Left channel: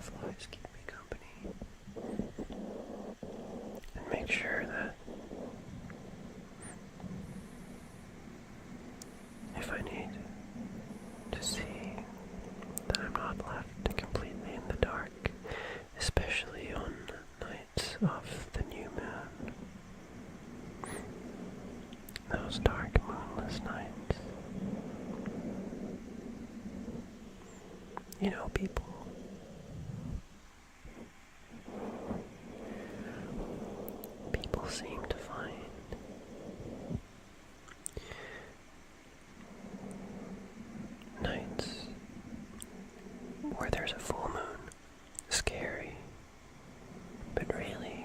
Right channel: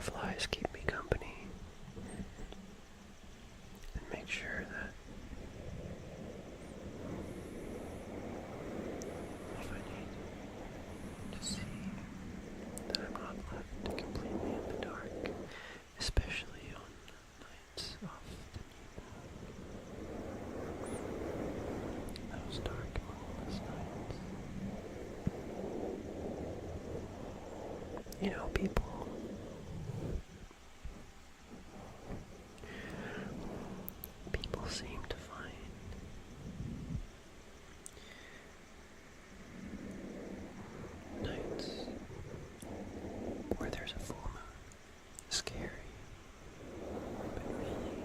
fireflies keep me company and make sure that if I need to see that I'm not left completely in the dark, especially on nights of the new moon. Those dark moonless nights. You know, people seem to find nights where there's a full moon scary, but really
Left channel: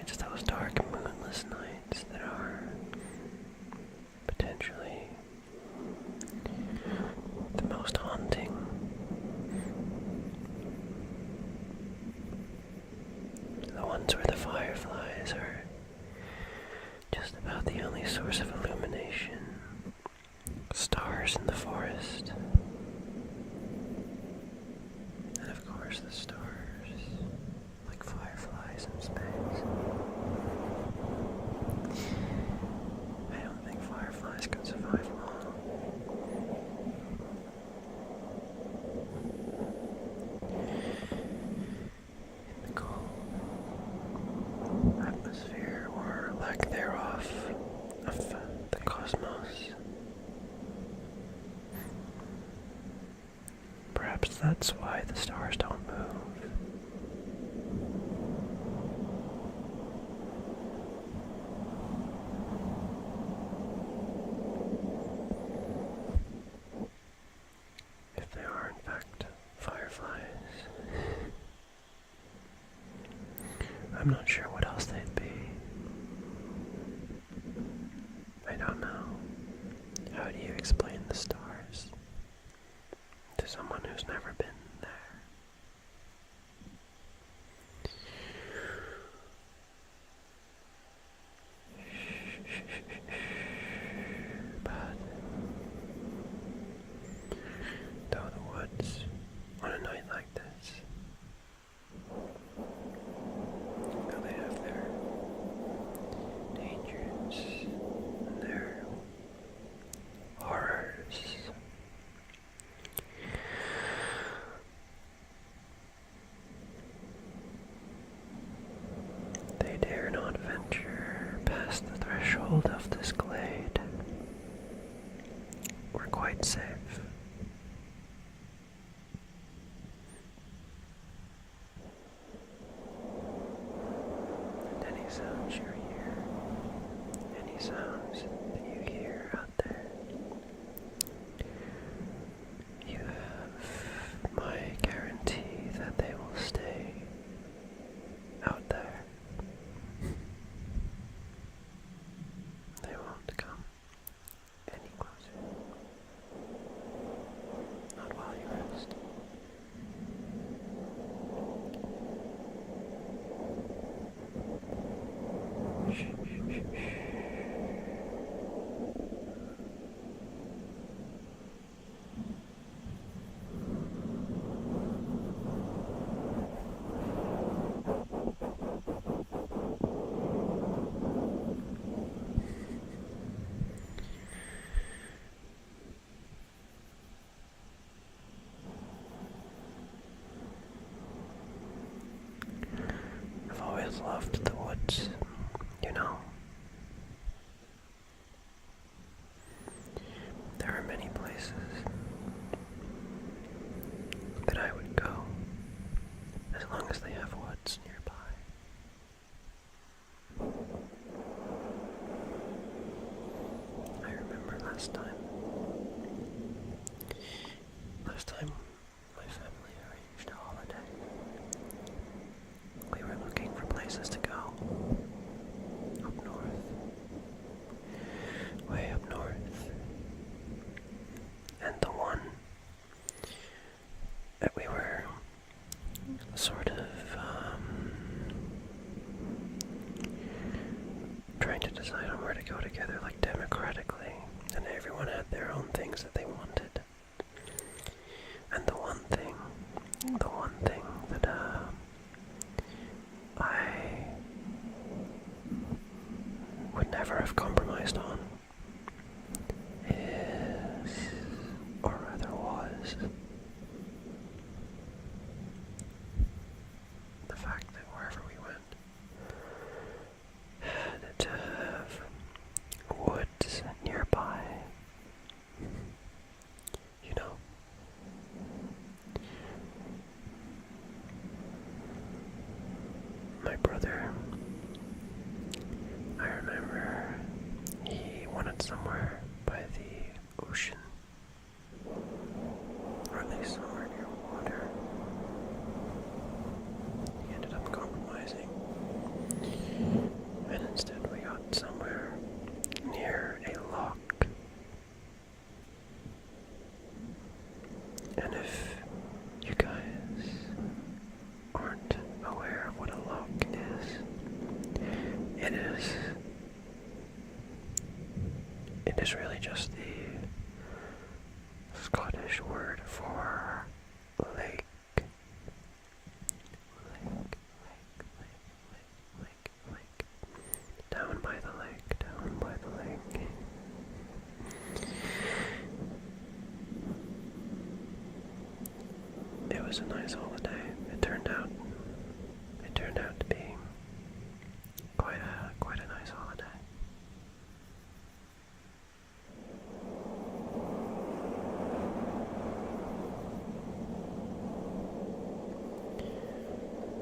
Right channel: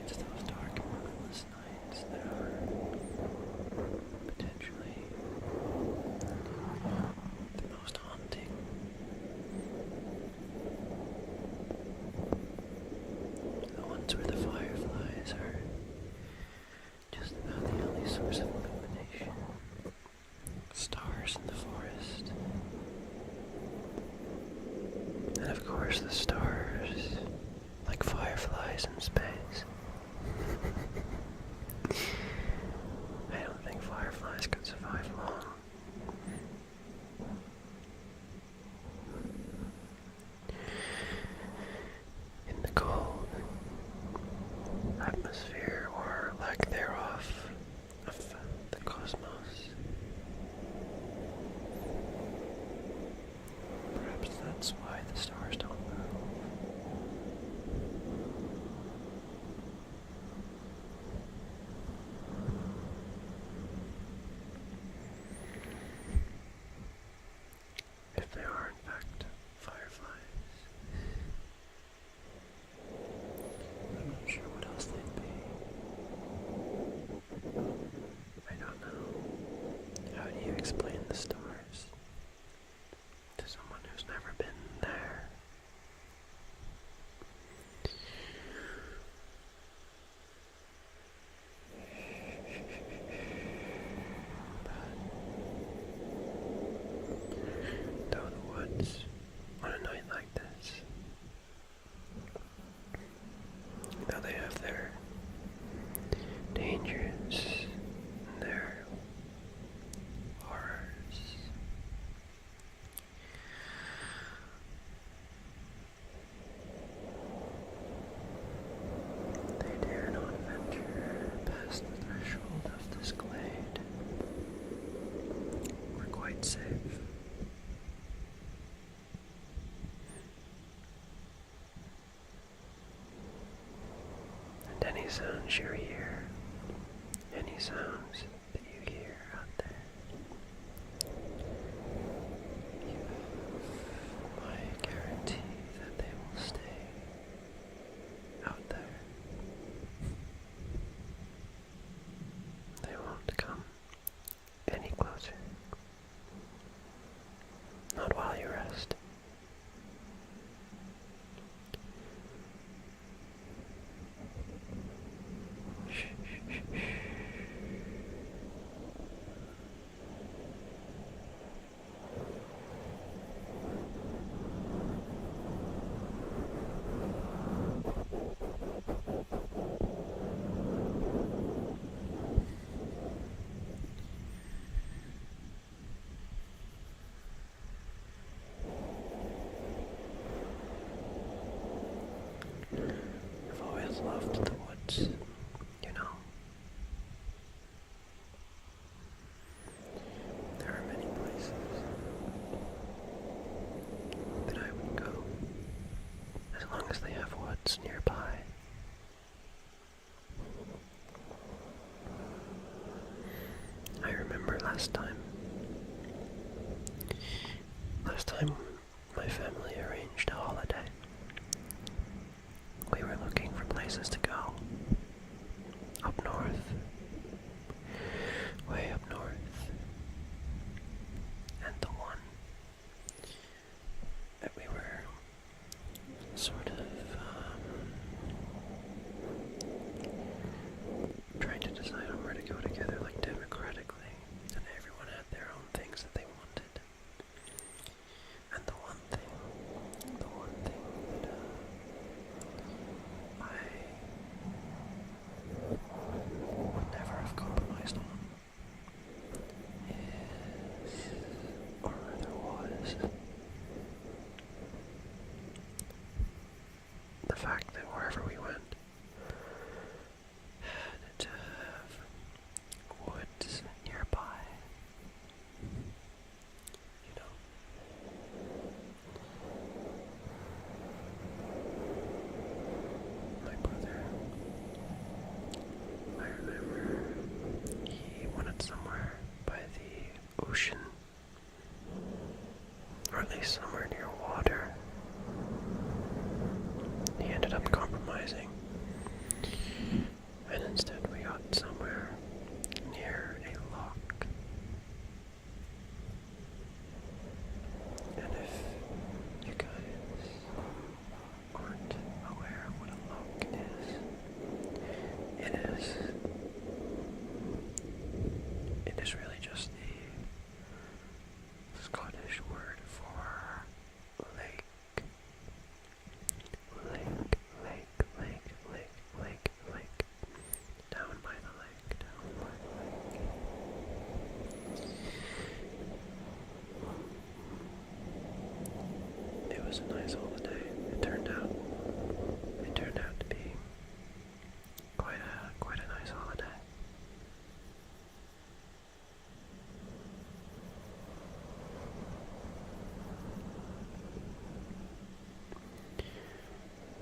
it's those dark moonless nights that are potentially the most haunting. The ones where the fireflies are just about the only source of illumination. Stars in the forest. And of course the stars, like fireflies in space. I don't think fireflies could survive long. In the cold atmosphere, or lack thereof, of the cosmos. Perhaps that's why the stars don't move. If they are in fact fireflies, I'm not sure what else they'd be. I don't know. How do you explain the stars to someone who's never been there? But though the woods on a night like this, though they have their dangers and their horrors, they dare not venture past the threshold of this glade. We're quite safe. And any sounds you hear, any sounds that you hear out there, you have my guarantee that they will stay out there. They won't come any closer. Not while you rest. Shh, shh, shh, shh. I've always loved the woods, you know. There are many places that I would go as long as they have woods nearby. I remember last time my family arranged a holiday. We were looking for places to go. Up north. Way up north. And the one that we were sort of trying to decide on where to go together, like democratically, and everyone had their own things that they wanted. And the one And if you guys aren't aware of what a loch is, it is really just the Scottish word for lake. Lake. Down by the lake. It was a nice holiday. It turned out to be quite a nice holiday.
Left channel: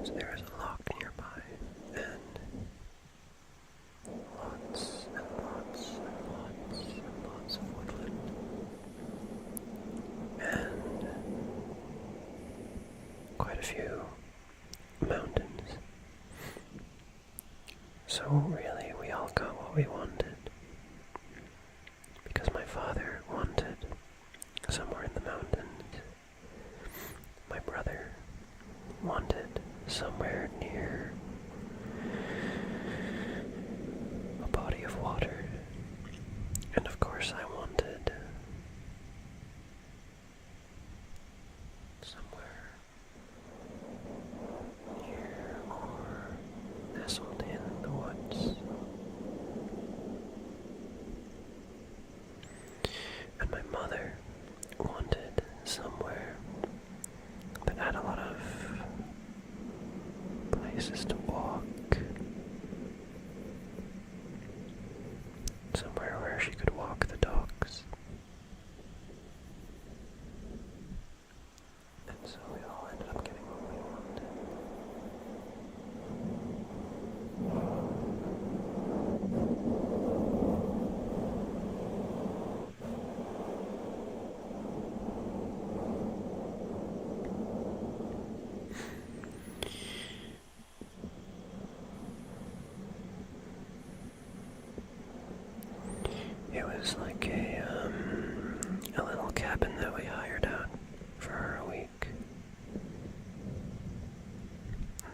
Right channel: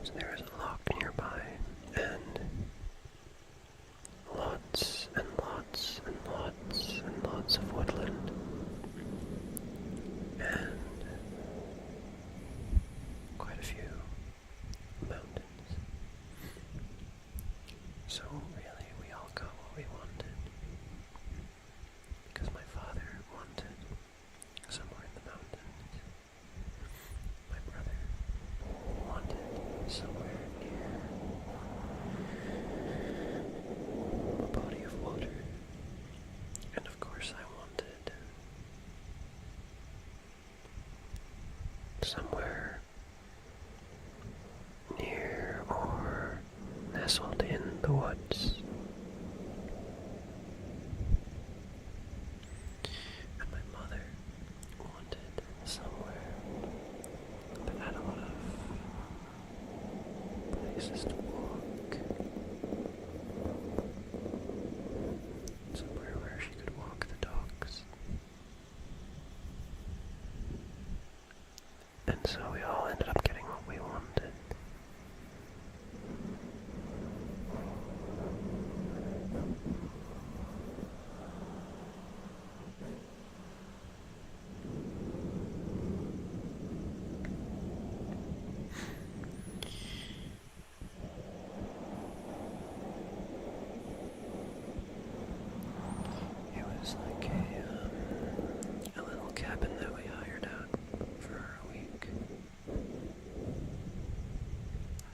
So there is a loch nearby, and lots of woodland, and quite a few mountains. So really, we all got what we wanted, because my father wanted somewhere in the mountains. My brother wanted somewhere near a body of water, and of course I wanted somewhere near or nestled in the woods. And my mother wanted somewhere that had a lot of places to walk. Somewhere where she could walk the dogs. And so we all ended up getting what we wanted. It was like a little cabin that we hired out for a week.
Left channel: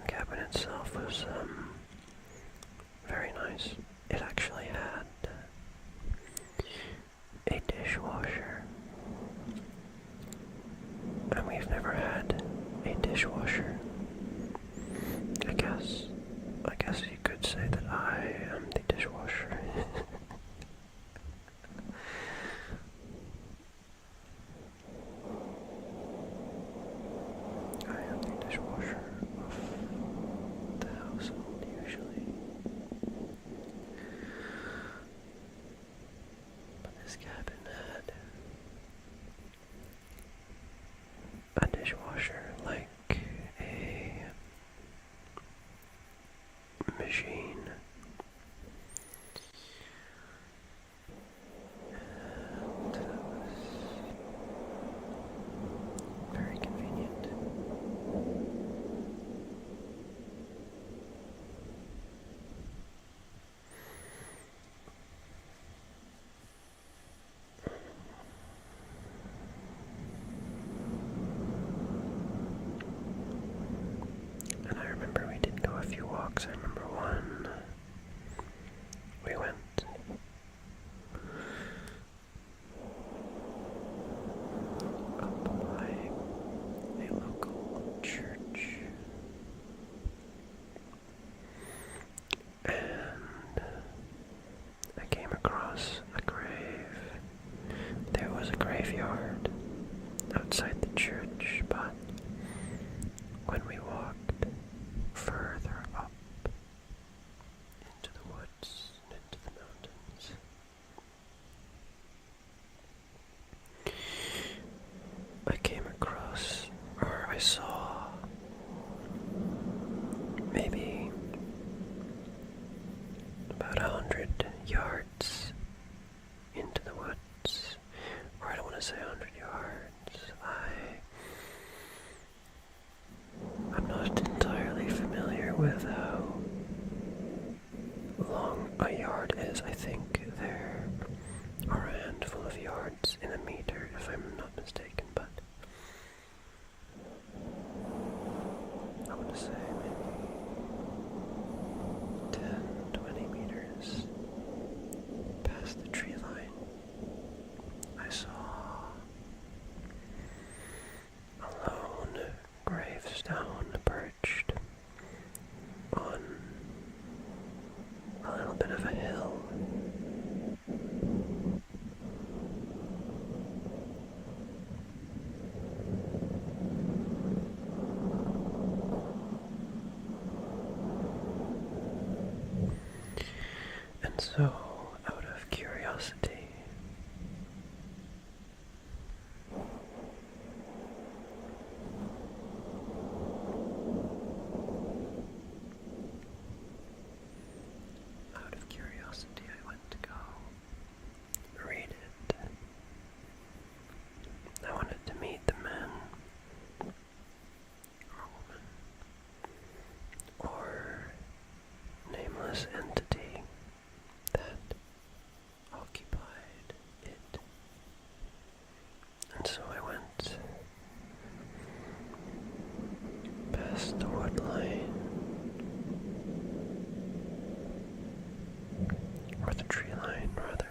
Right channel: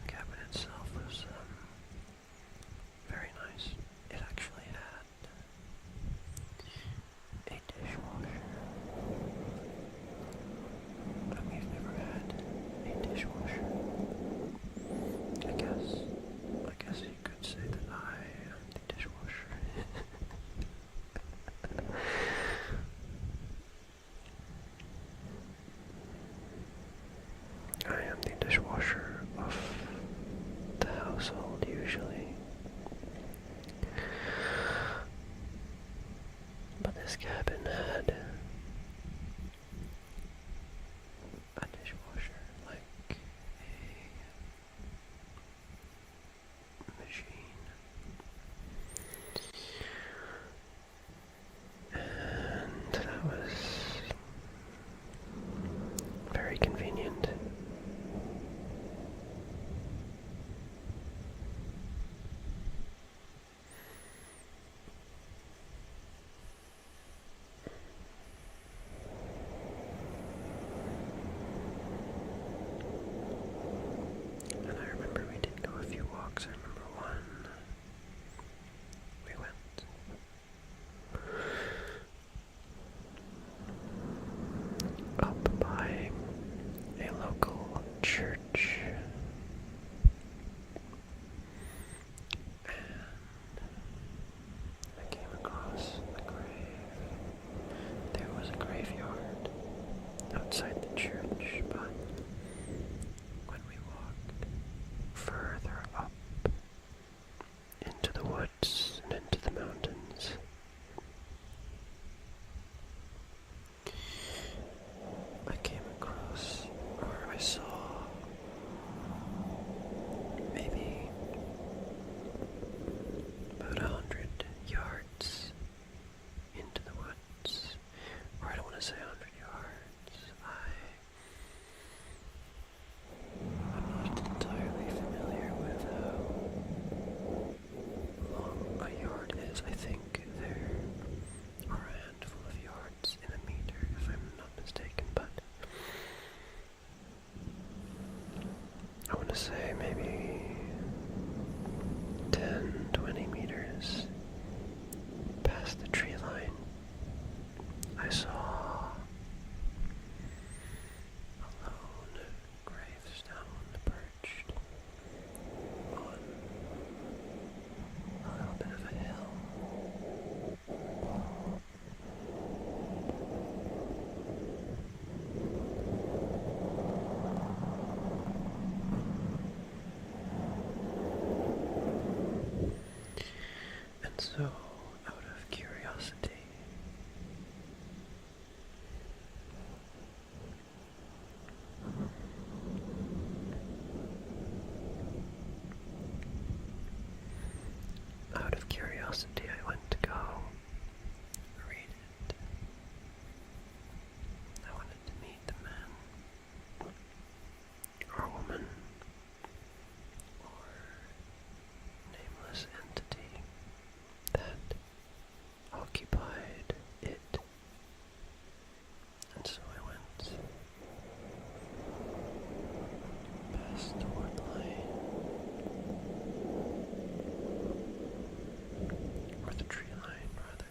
The cabin itself was very nice. It actually had a dishwasher, and we've never had a dishwasher. I guess you could say that I am the dishwasher. I am the dishwasher of the household usually. But this cabin had a dishwasher, like a machine. And that was very convenient. And I remember we did go a few walks. I remember one, we went up by a local church, and I came across a grave. There was a graveyard outside the church, but when we walked further up into the woods and into the mountains, I came across, or I saw, maybe about 100 yards into the woods, or I don't want to say 100 yards. I'm not entirely familiar with how long a yard is. I think there are a handful of yards in a meter, if I'm not mistaken, but So, out of curiosity, I went to go read it. I wanted to meet the man or woman or nameless entity that occupied it. And so I went past the wood line, or the tree line rather,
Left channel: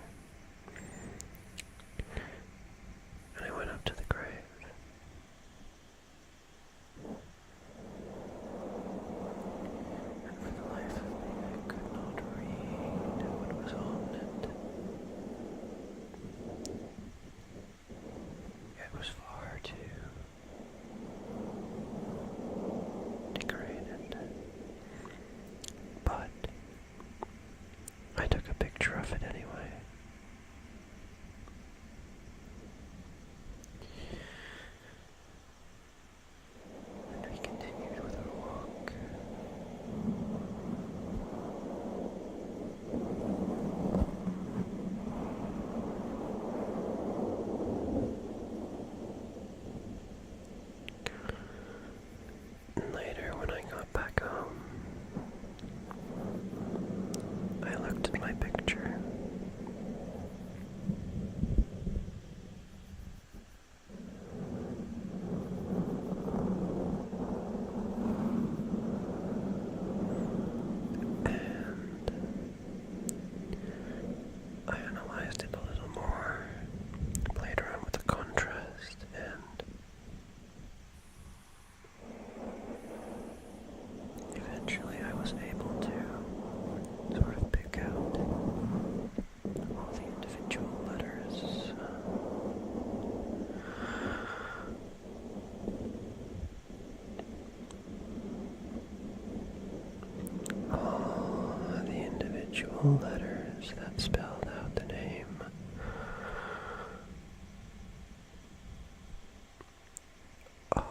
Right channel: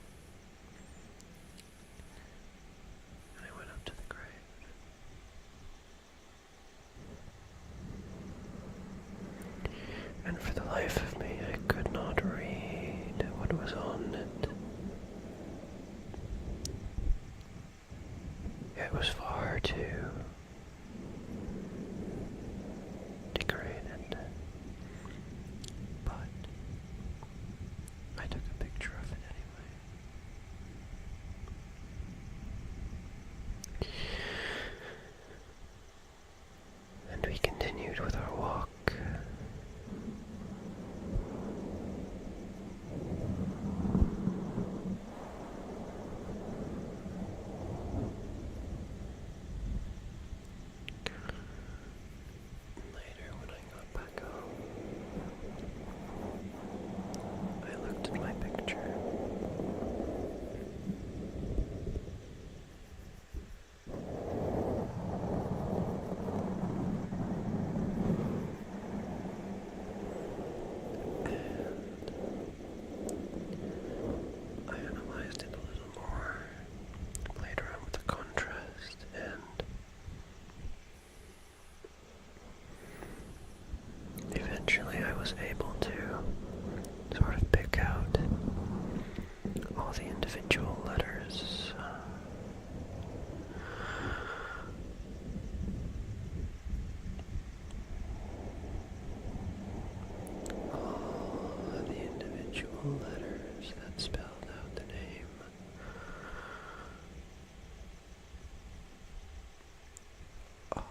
and I went up to the grave. And for the life of me, I could not read what was on it. It was far too decorated, but I took a picture of it anyway. And we continued with our walk. And later, when I got back home, I looked at my picture. I analyzed it a little more, played around with the contrast, and eventually I was able to sort of pick out all the individual letters. All the individual letters that spelled out the name of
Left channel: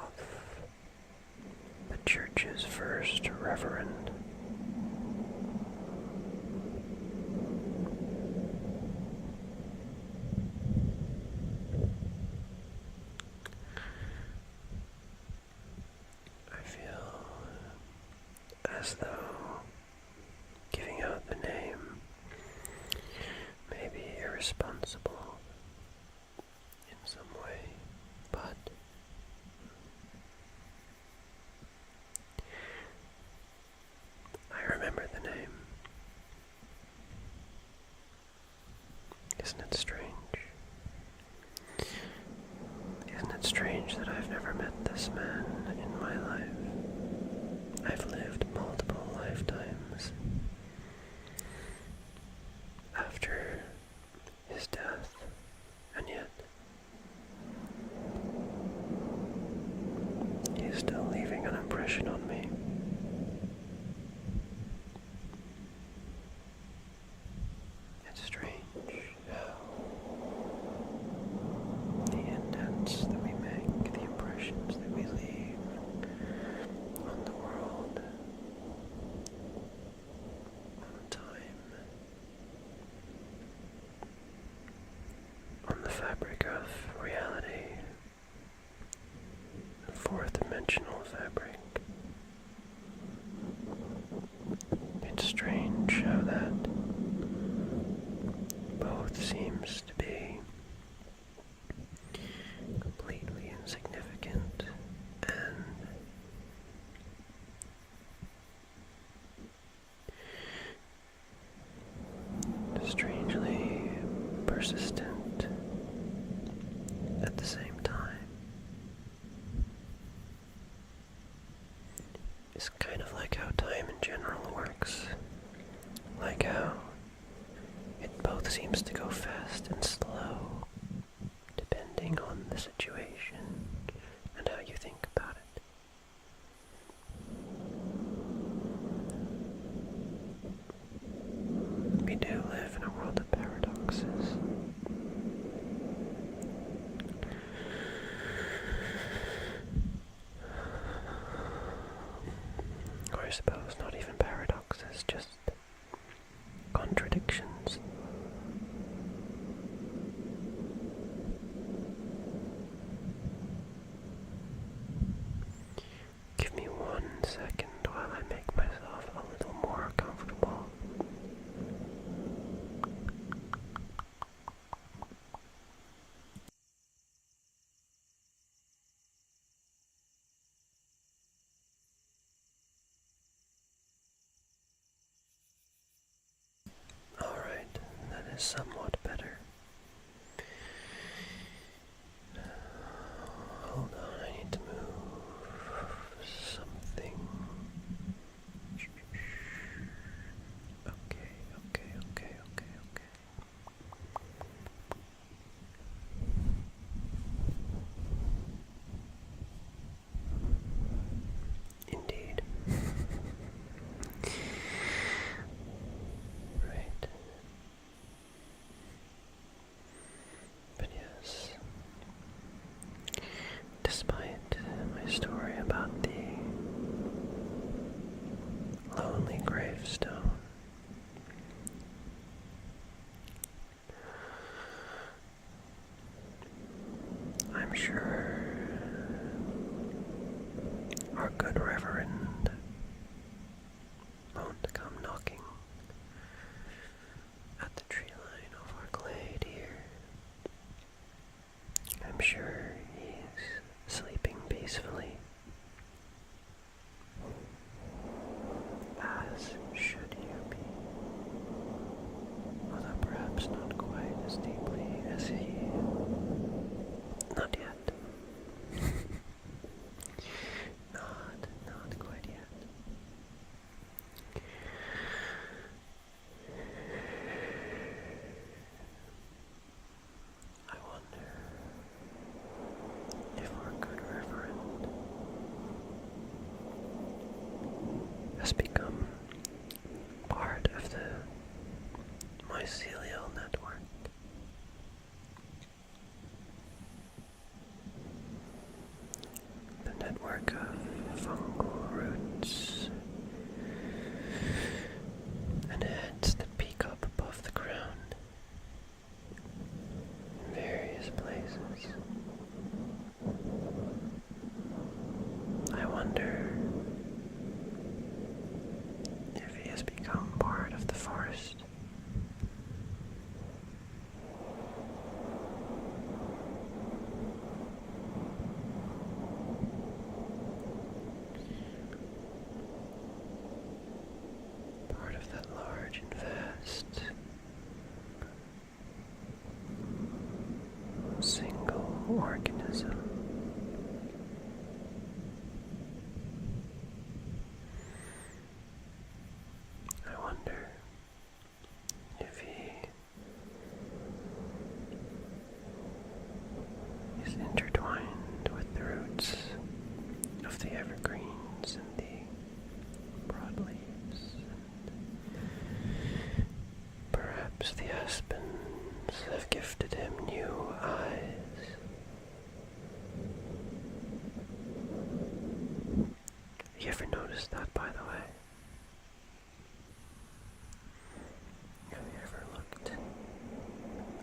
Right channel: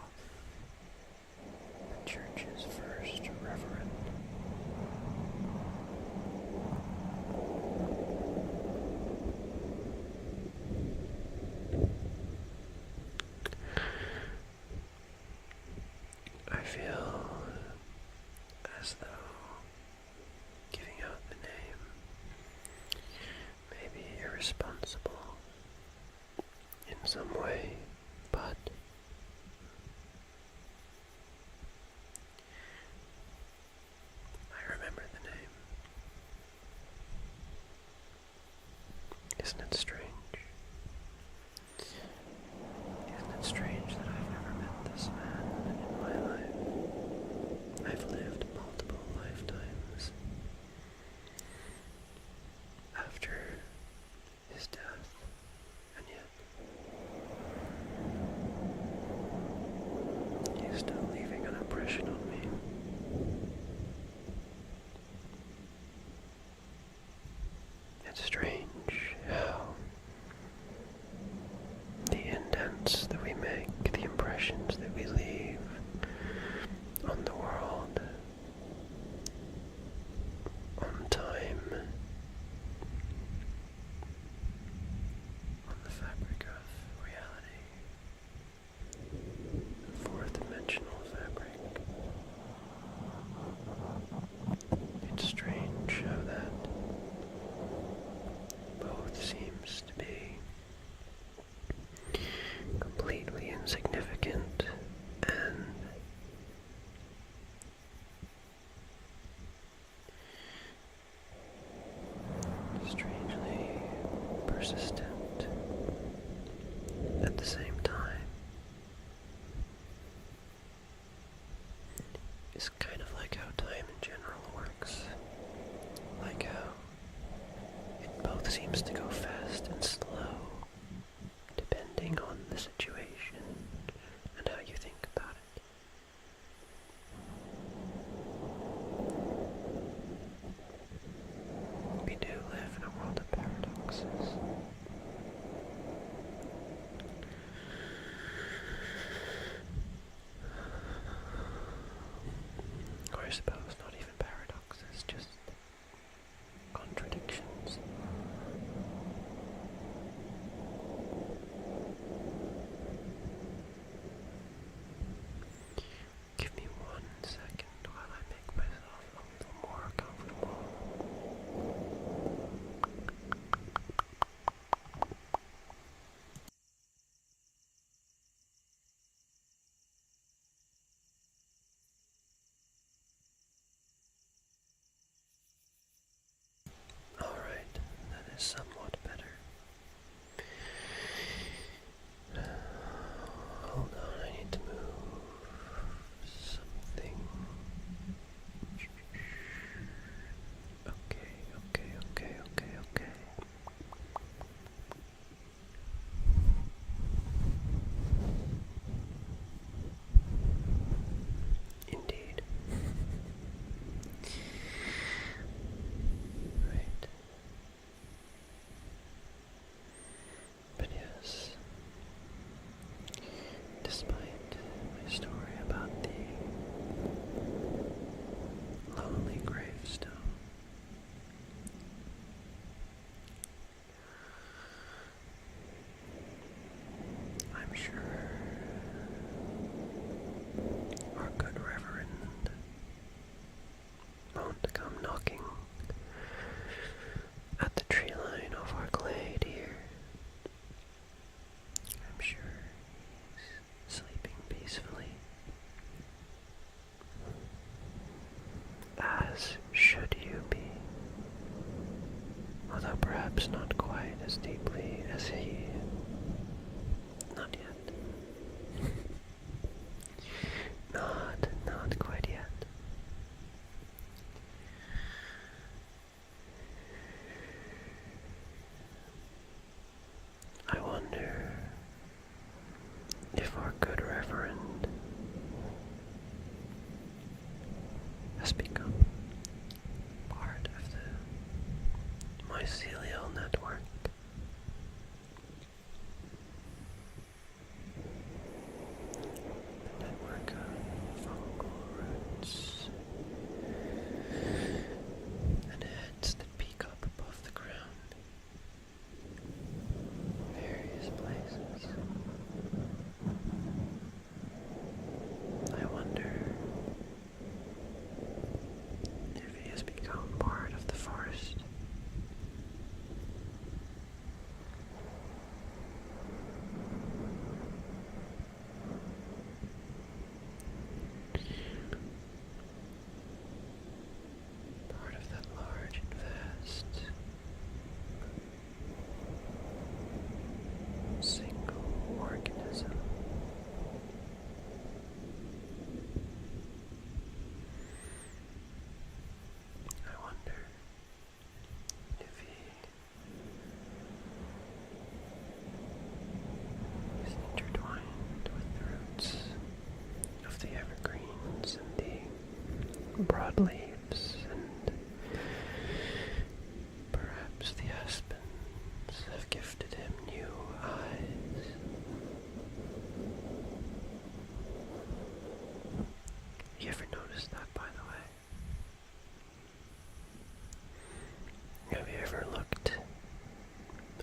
the church's first reverend. I feel as though giving out the name may be irresponsible in some way, but I remember the name. Isn't it strange? Isn't it strange that I've never met this man in my life? I've lived multiple lifetimes after his death, and yet he is still leaving an impression on me. It's strange how the indents that we make, the impressions that we leave on the world, on time, on the fabric of reality, the fourth-dimensional fabric. It's strange how that both seems to be completely insignificant and strangely persistent at the same time. It's kind of like how time in general works. Like how it both seems to go fast and slow, depending on the situation and how you think about it. We do live is somewhat better. Hold on, I need to move something. Okay. Indeed. Right. But yes, despite my story about the lonely gravestone, I'm sure our good Reverend won't come knocking at the tree line of our glade here. I'm sure he's sleeping peacefully, as should you be, although perhaps not quite as deeply as he. Not yet. Not quite yet. I wonder if our good Reverend has become part of the mycelial network. The network of fungal roots and heads that peek up above the ground in various places. I wonder if he has become part of the forest. Part of that large and vast single organism. I wonder if he is intertwined with the roots of the evergreens and the broadleaves, and perhaps the aspens have gifted him new eyes. You ever noticed that, by the way? Have you ever looked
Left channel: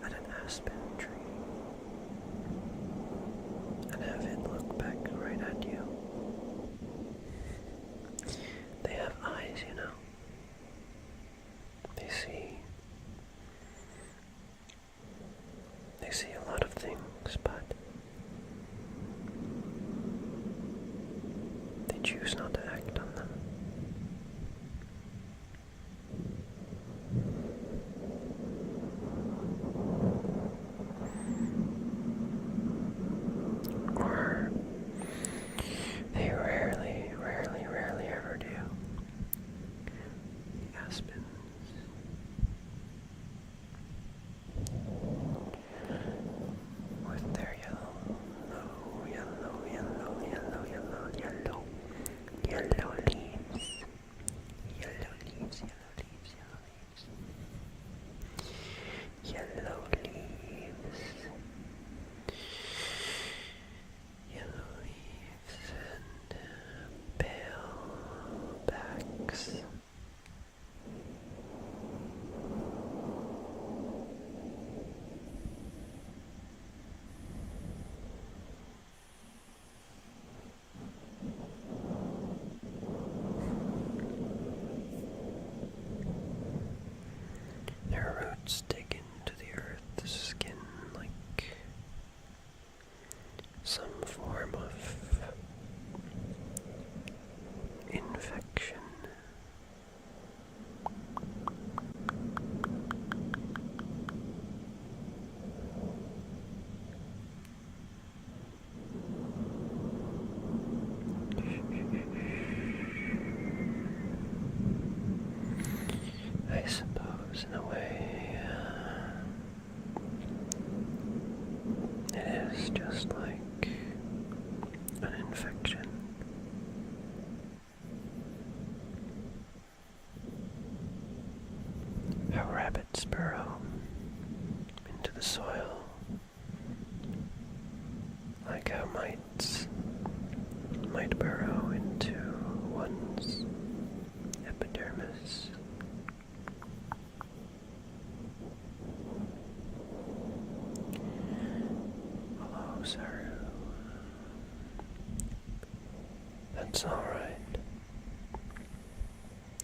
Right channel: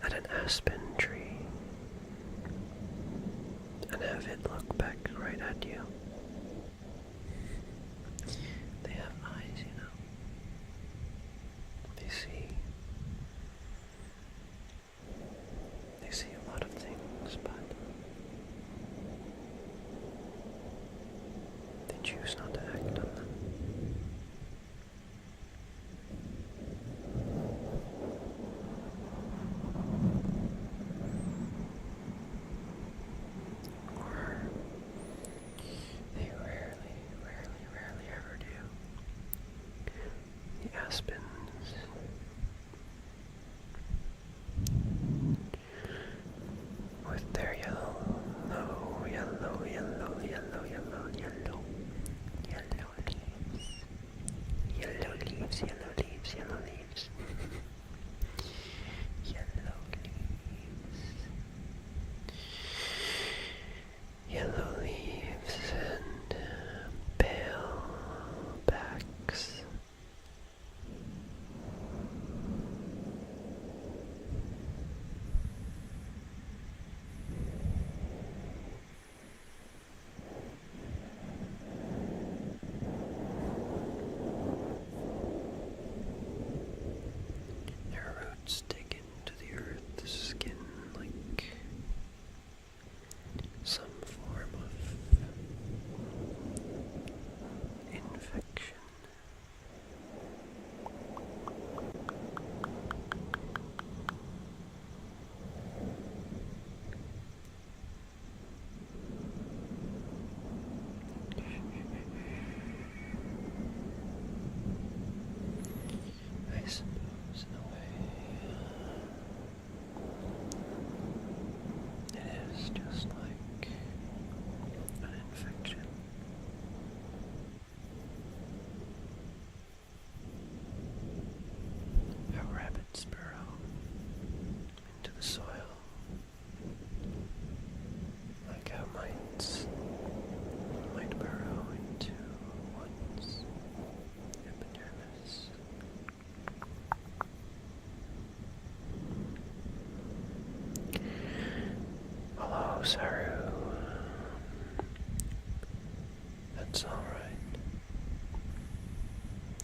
at an aspen tree and have it look back right at you? They have eyes, you know. They see a lot of things, but they choose not to act on them. how mites might burrow into one's epidermis. Hello, Saru. That's alright.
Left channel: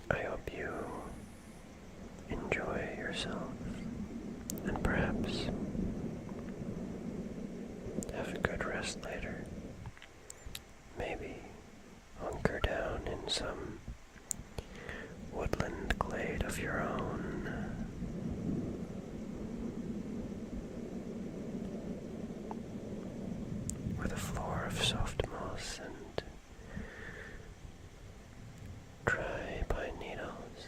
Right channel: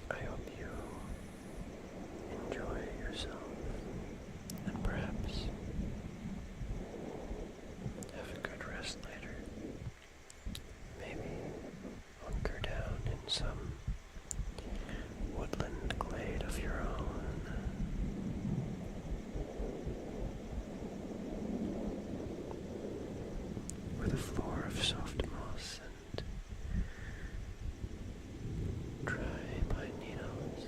I hope you enjoy yourself and perhaps have a good rest later. Maybe hunker down in some woodland glade of your own. With a floor of soft moss and dry pine needles.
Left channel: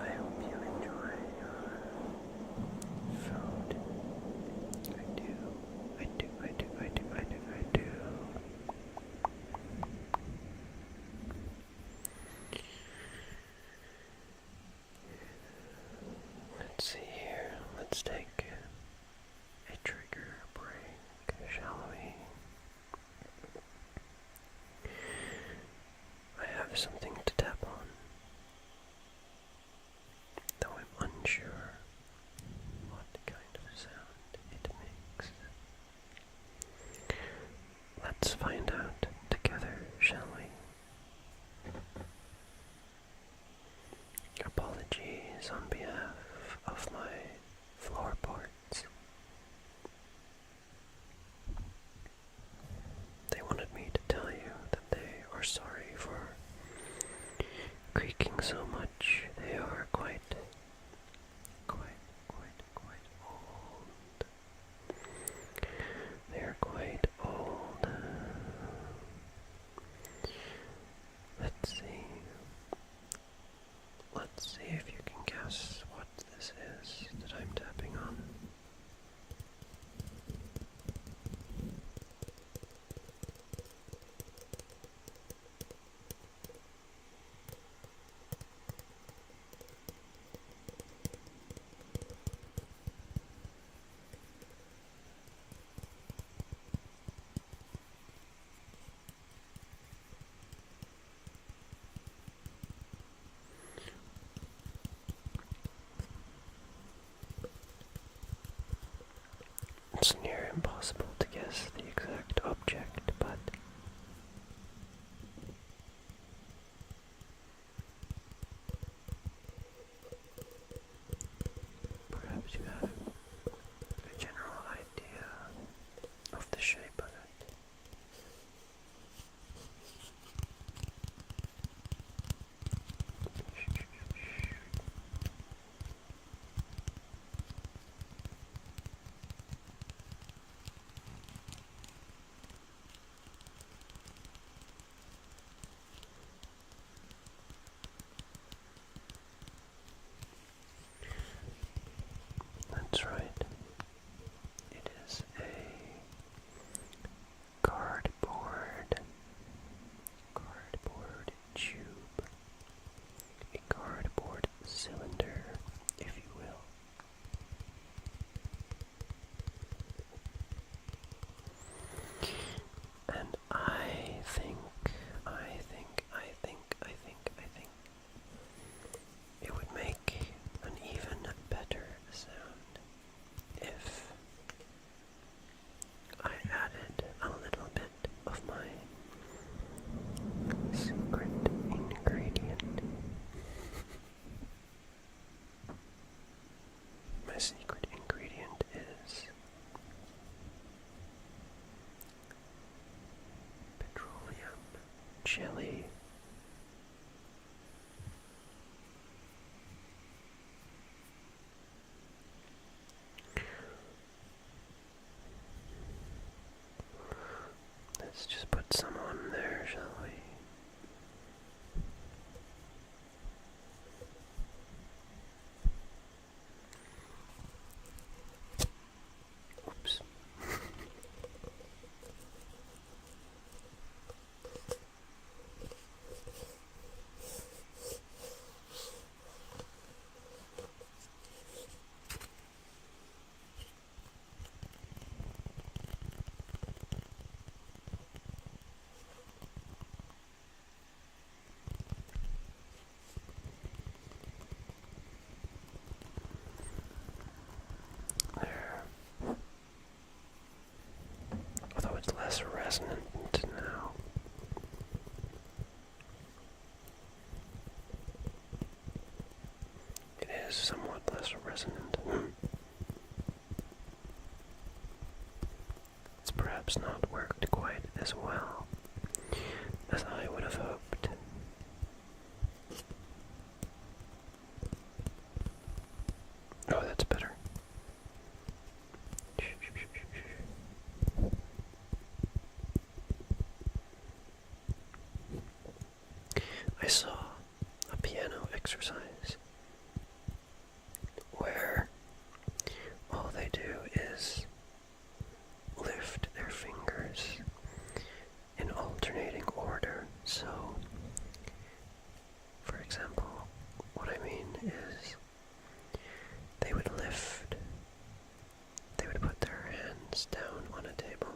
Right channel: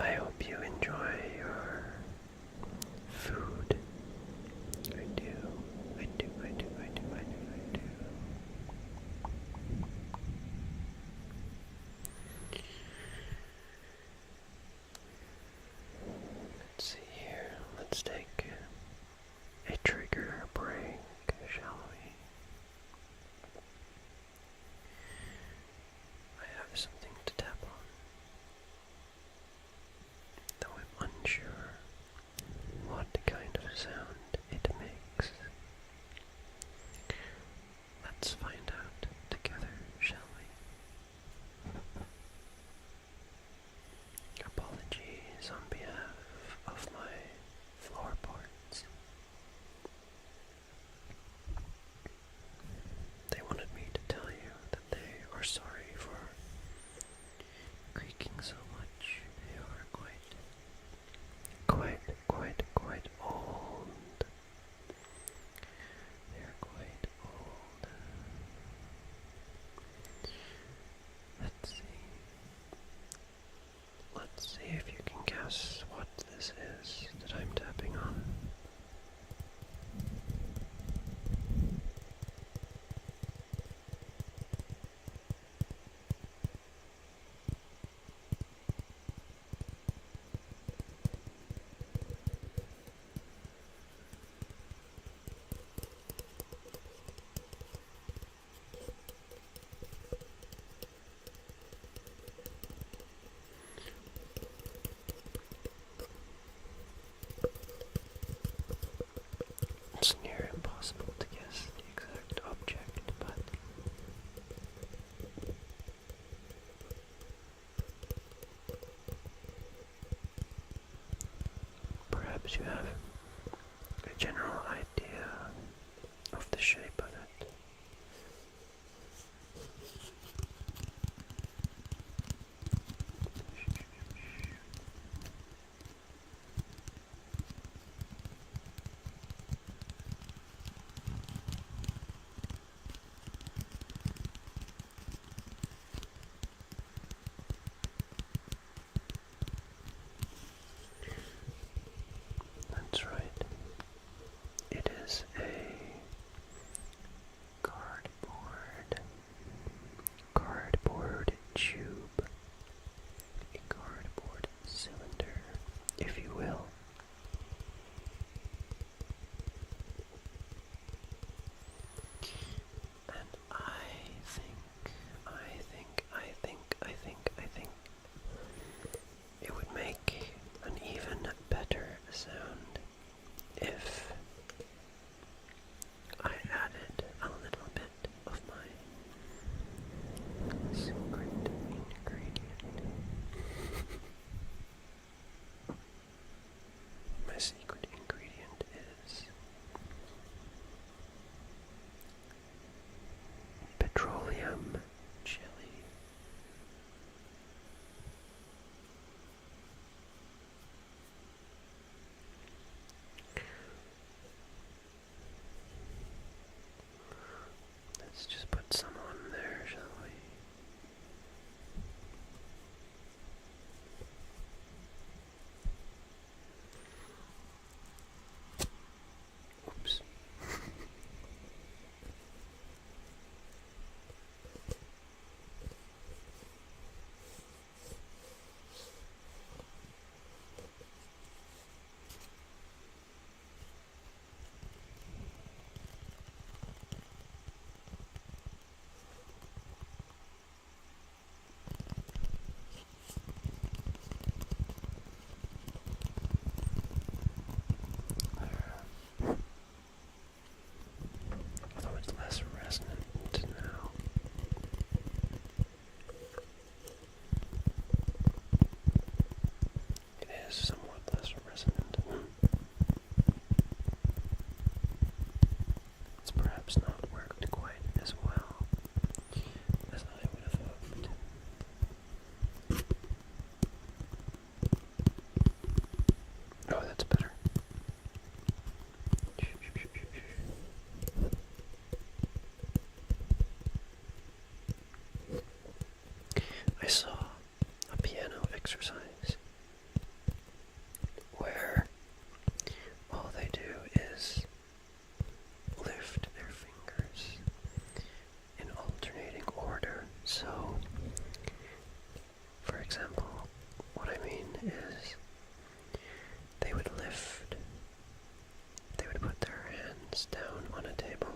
I hope you enjoy your food. I do. Let's see here. Let's take a trigger break, shall we? I have something to tap on, though I'm unsure what kind of sound it makes. Let's find out together, shall we? Apologies on behalf of my floorboards. They wanted me to tell you that they are sorry for creaking so much. They are quite old. They are quite old. Let's see. Let's see if you can guess what this is that I'm tapping on. It's near impossible to guess the exact object, but perhaps you have a general idea of the shape of it. That's right. is somewhat less resonant. It's perhaps not worked quite as well as I would have hoped. Oh, that's better. I saw a piano exercise where all they do is lift their fingers in alternating order. So, for example, what I mean is they would put their hands down on a table,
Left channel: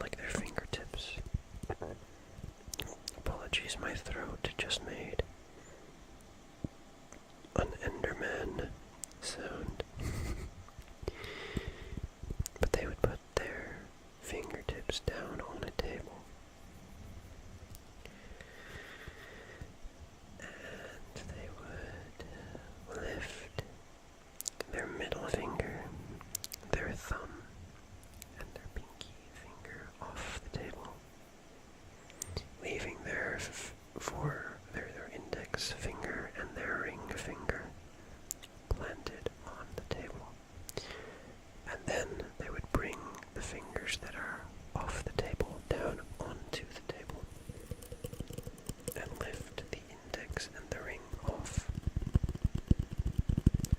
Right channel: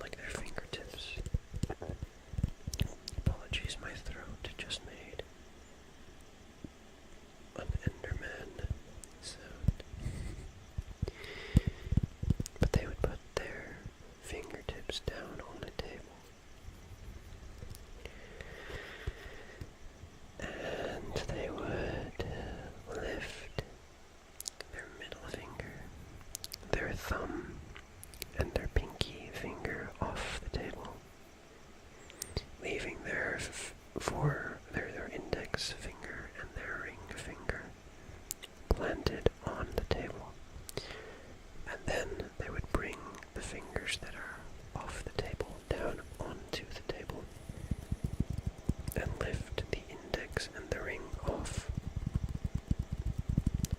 like their fingertips. Apologies, my throat just made an Enderman sound. But they would put their fingertips down on a table. And they would lift their middle finger, their thumb, and their pinky finger off the table, leaving their index finger and their ring finger planted on the table. And then they would bring the fingers that are off the table down onto the table and lift the index and the ring off.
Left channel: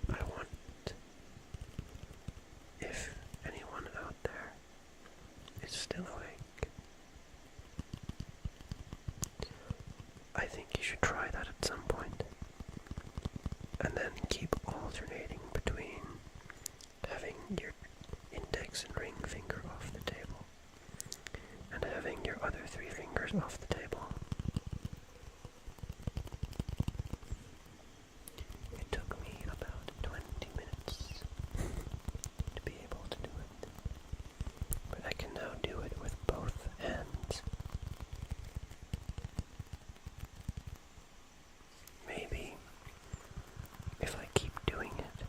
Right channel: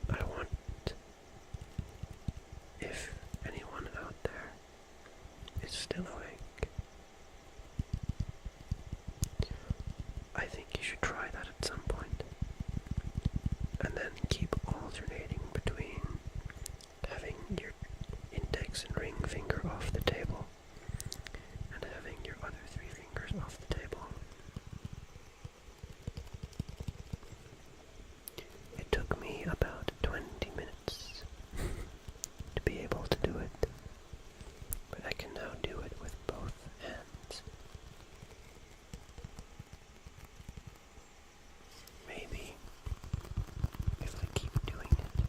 I want, if anyone out there is still awake, I think you should try that at some point, and then keep alternating between having your index and ring finger off the table and having your other three fingers off the table. It took me about 20 minutes to be able to do it, but I can now do it with both hands. Maybe if I keep doing it,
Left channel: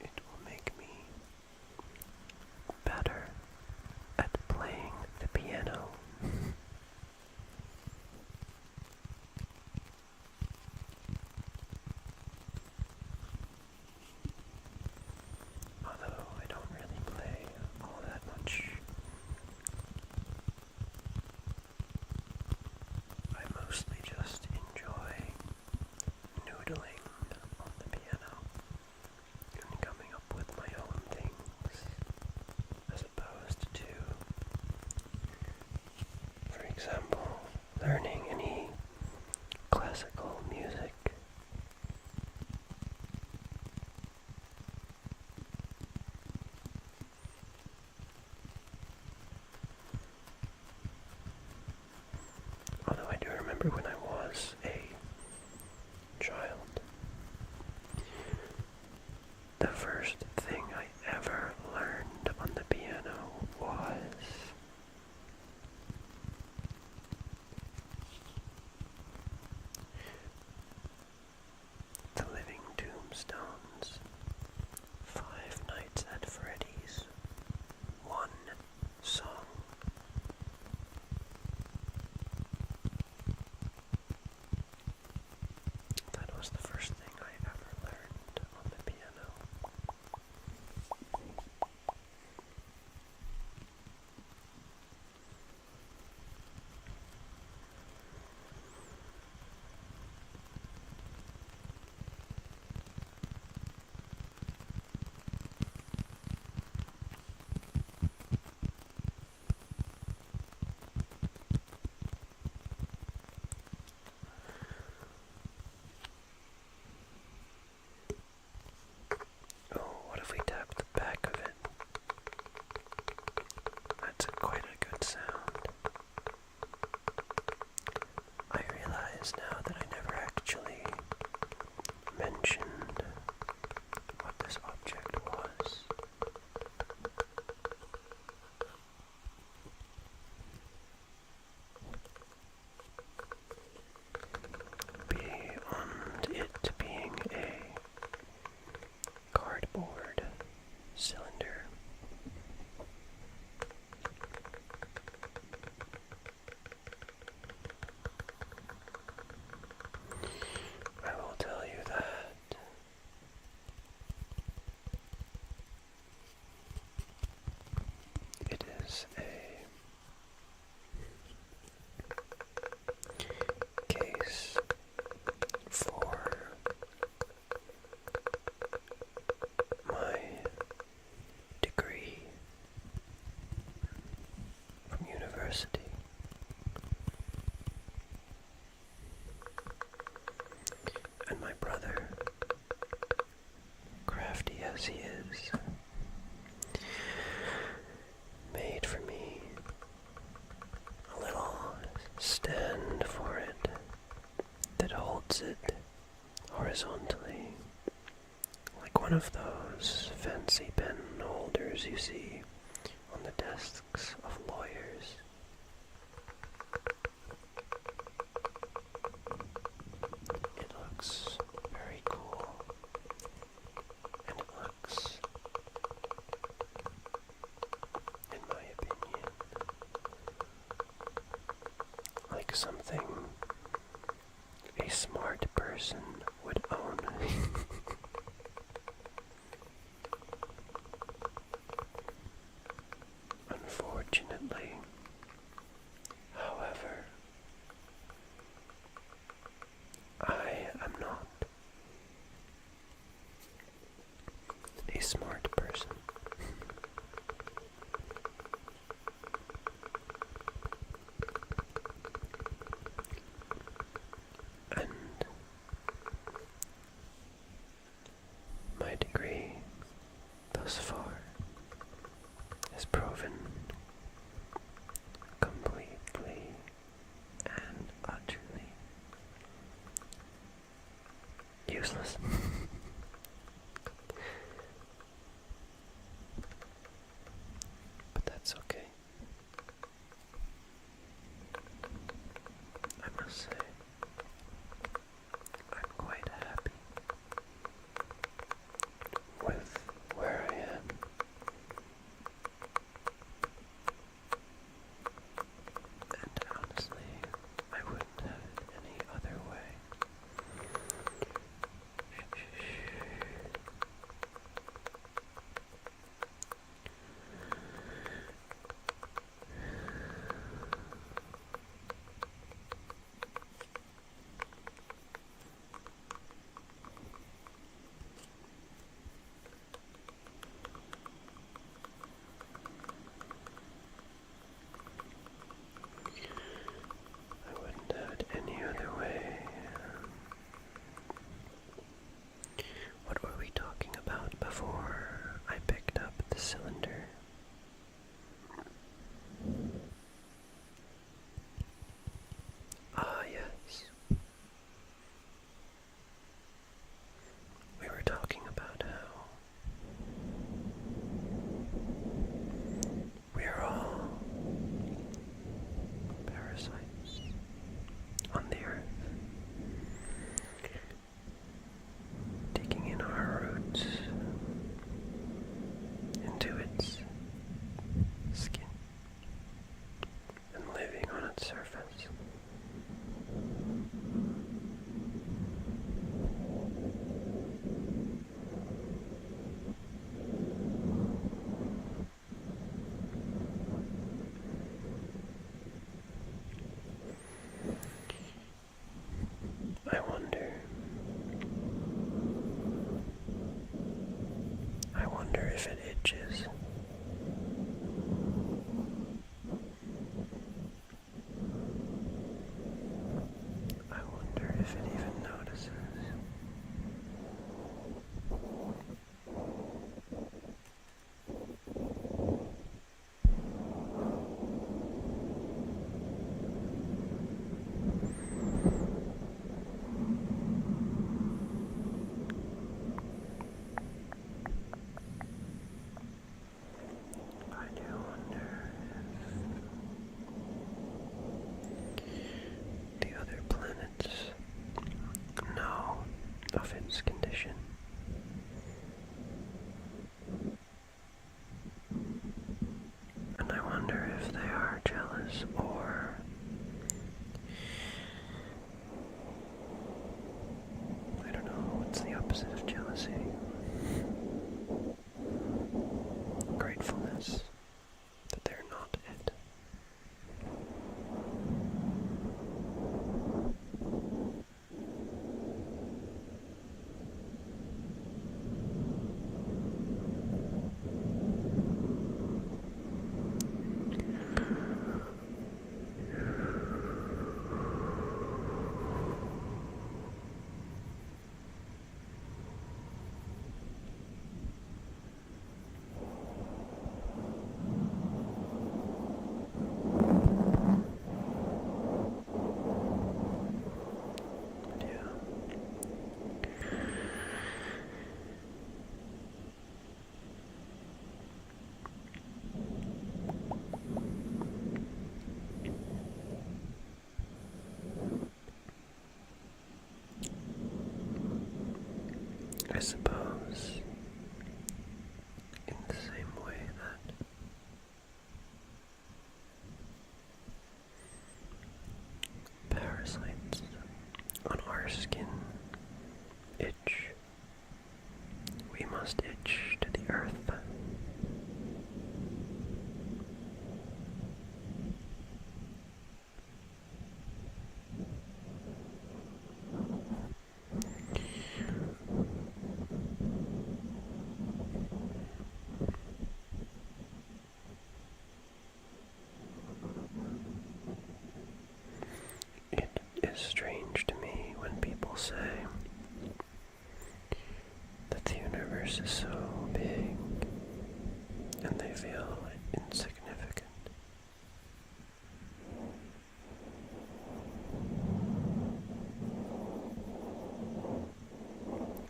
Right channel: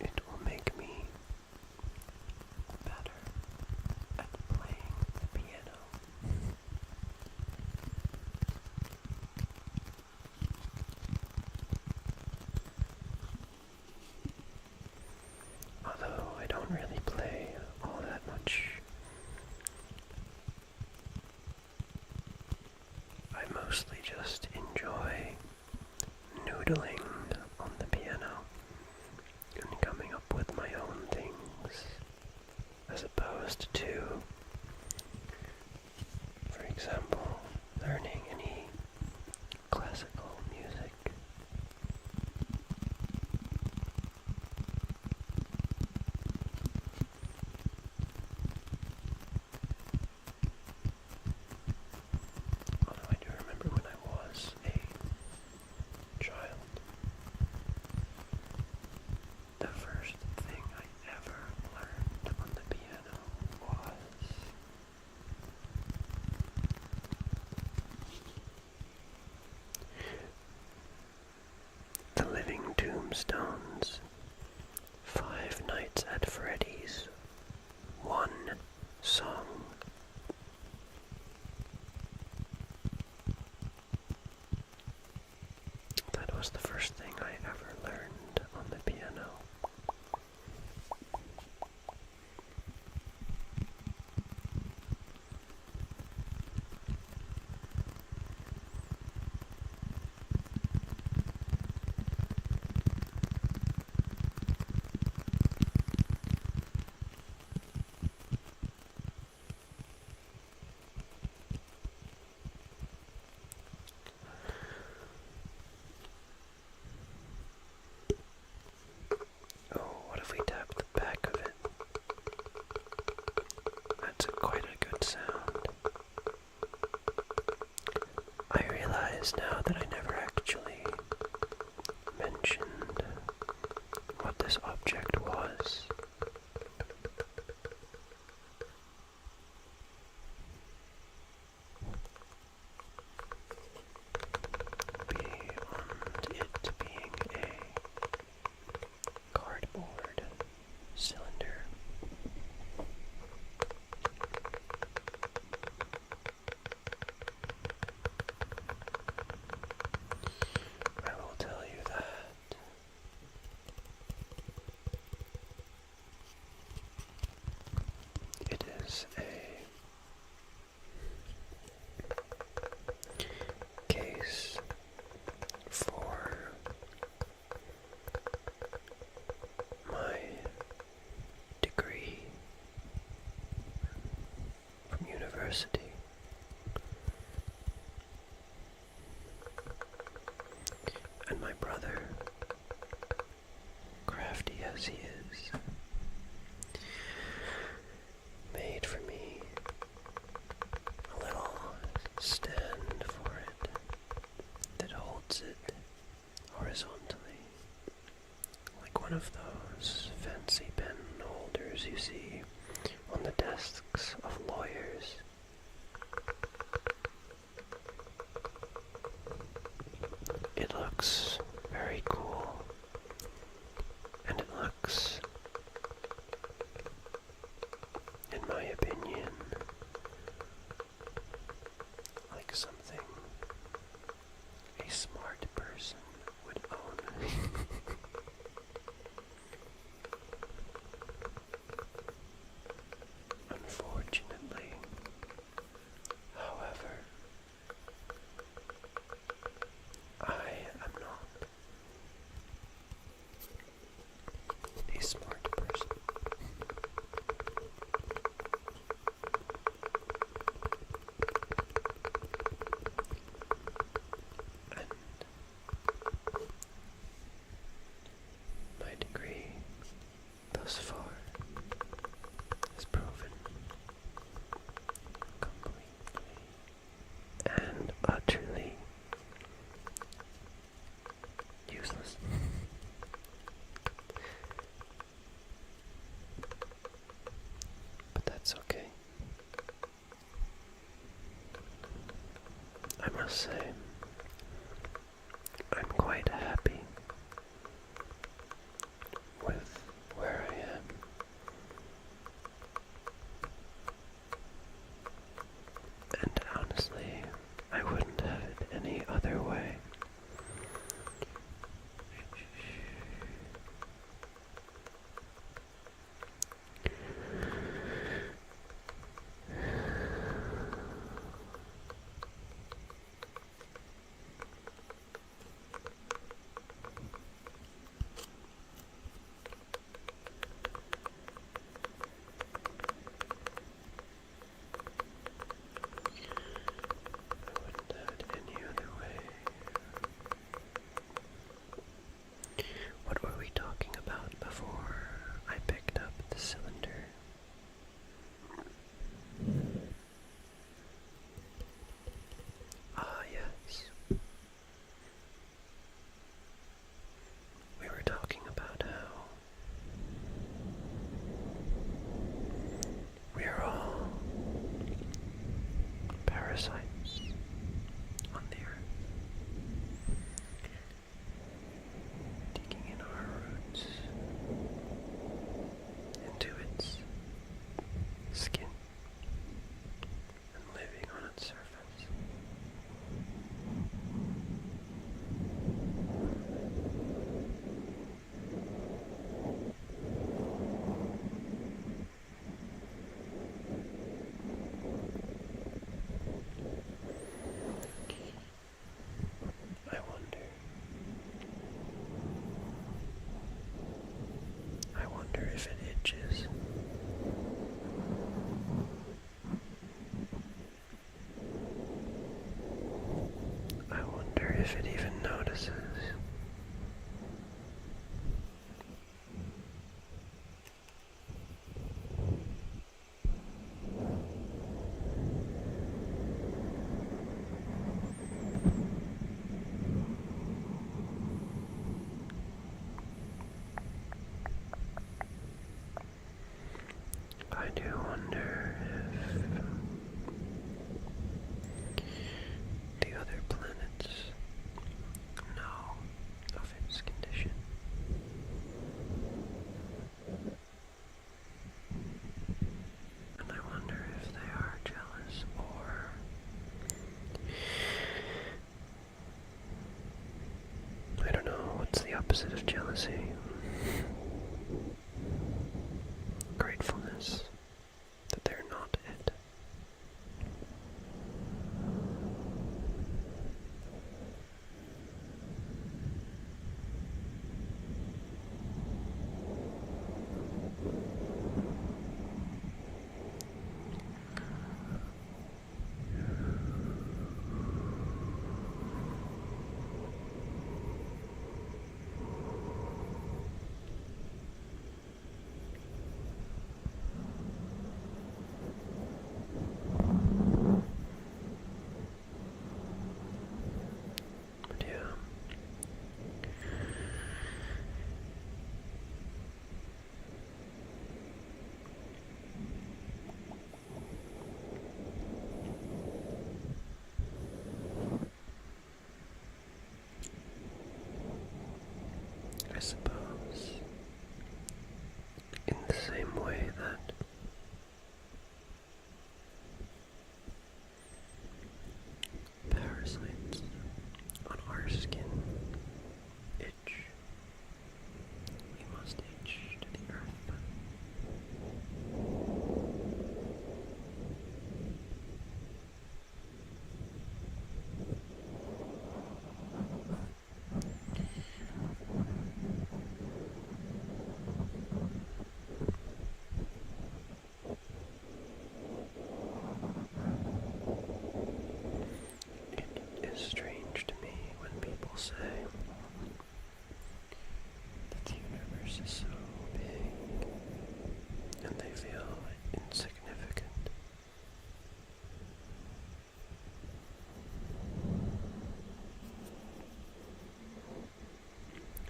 it will make me better at playing the piano. Although I don't really play all that much, I mostly just enjoy noodling on the piano and coming up with my own things, as opposed to, for example, learning any classical music. Although I do remember when I was a child, the first thing I ever learned on the piano was the Living Tombstones, Five Nights at Freddy's, one song. That was the first thing I ever learned on the piano. If we tap the back of it, that's quite a good sound. I realize now that I never actually mentioned what this object was. holds it horizontally, like one of those fancy pen holders you see on the desks of lawyers. It looks very cool, and it looks, in my opinion, like something a smart person would own. Unfortunately, however, I am not a smart person. And my degree thus far has proven completely and utterly useless. But that's okay. I must say, I'm quite happy with where I am. And honestly, I wouldn't have it any other way. I wouldn't have it any other way. What were we talking about before I picked up the cylinder? Ah, yes. We were talking about how we are all parasites on the earth, digging in our roots into its skin and living on its surface. I wonder if it itches. I wonder if it even notices. I do wonder if the other planets know of its condition. And I wonder if they are jealous, or I don't know, what's the opposite of jealousy? Gratefulness that they're not it. our skin itch, we must itch to the earth. It is strange to me when people say that the universe is so big and they feel insignificant.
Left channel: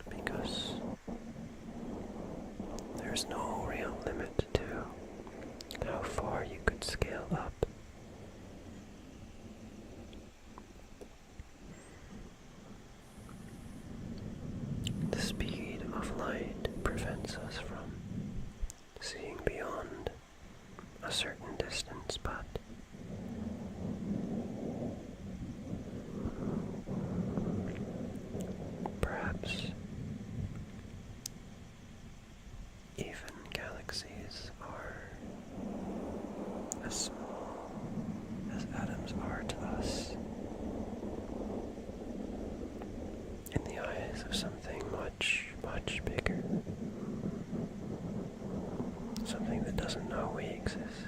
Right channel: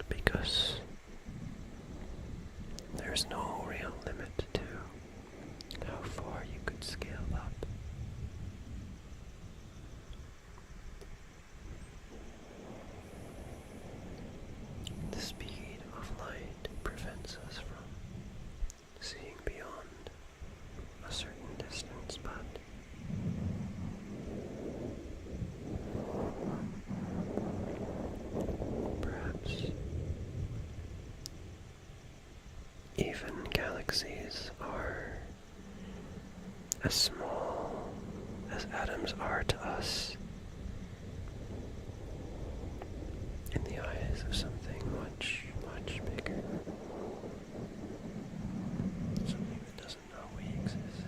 Because there's no real limit to how far you could scale up. The speed of light prevents us from seeing beyond a certain distance, but perhaps even galaxies are as small as atoms are to us in the eyes of something much, much bigger. Something that doesn't know we exist.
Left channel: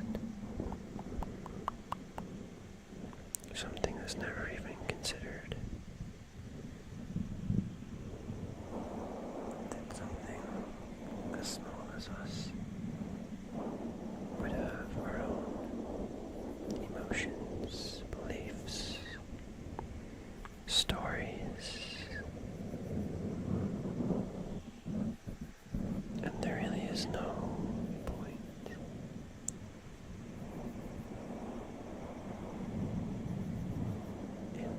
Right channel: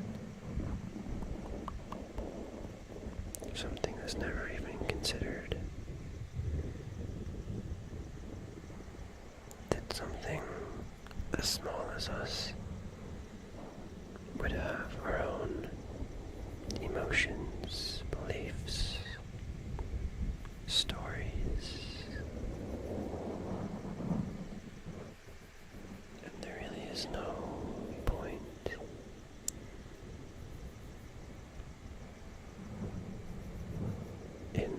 Something that's never even considered that something as small as us would have our own emotions, beliefs, stories, and there really is no point in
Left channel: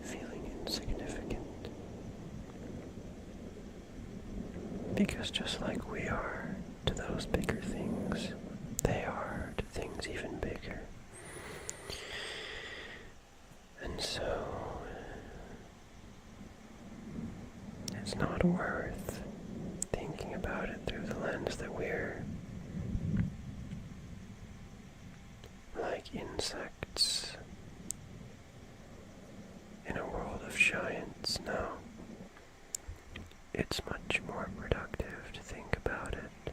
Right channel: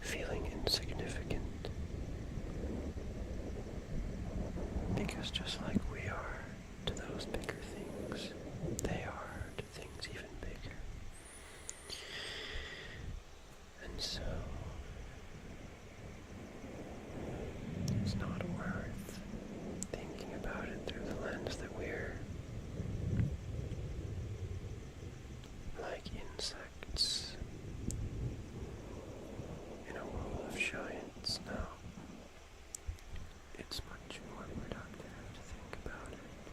feeling insignificant, because just like we are to those bigger things, they are to things even bigger. And so it's not worth thinking about it through the lens that we're like insects in a world of giants. No. It's much more productive to think about it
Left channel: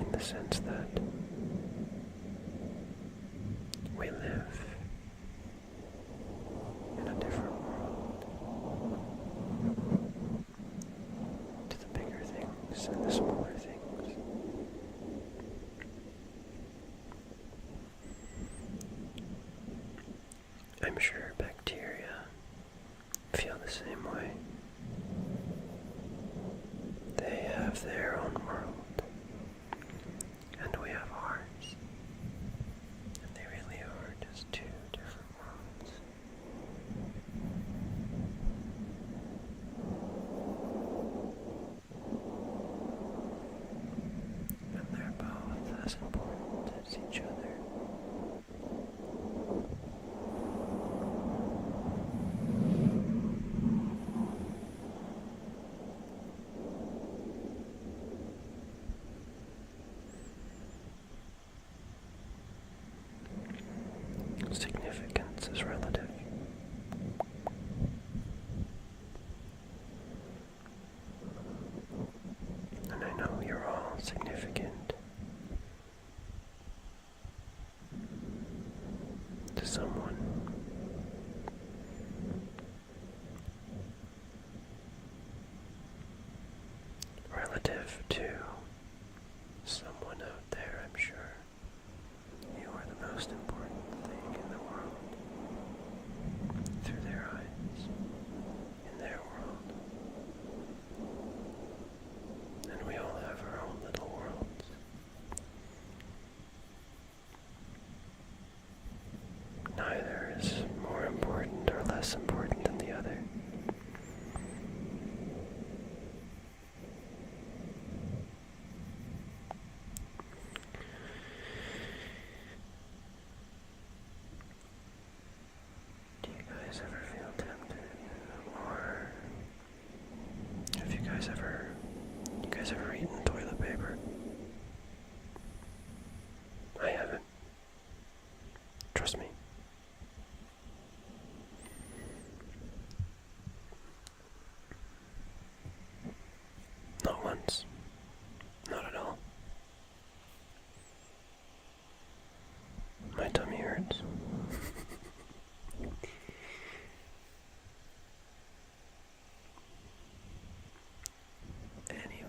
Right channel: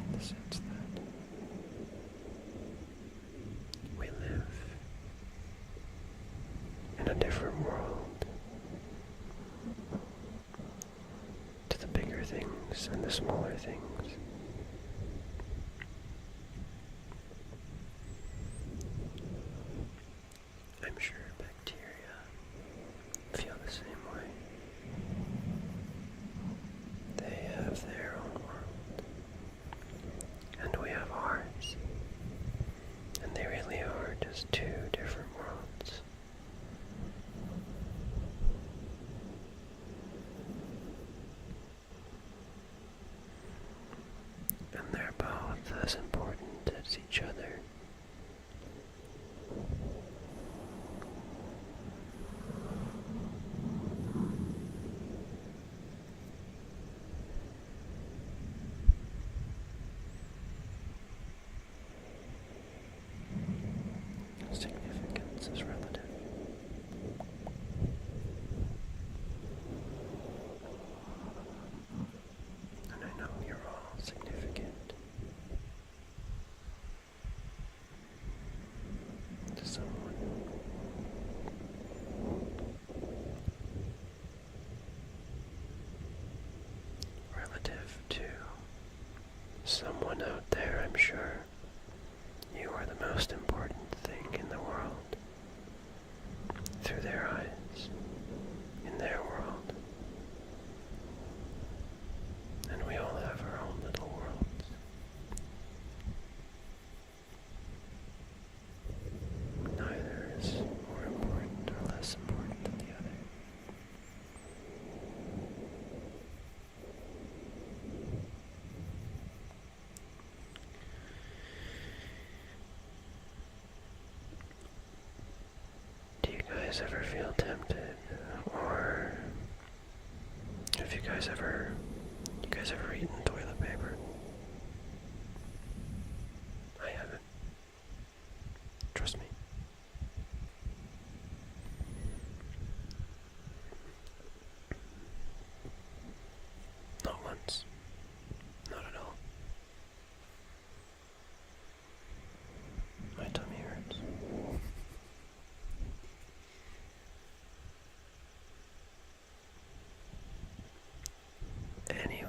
in the sense that we live in a different world to the bigger things and the smaller things. I'm sure bacteria feel the same way. They have their own world, and we have ours, and they really are just two different worlds. And they're both as important as each other. Significance is relative. And I know you're all significant to someone. Relative to someone out there, I'm sure you are the most important thing in the world. Through their eyes, in their world. And we all have our own little worlds. Neither is more important or less important than the other. guys ever feel tempted, or if you guys ever eaten toilet paper? I haven't. Trust me. Not once. Not at all. My tummy hurts. Anyway,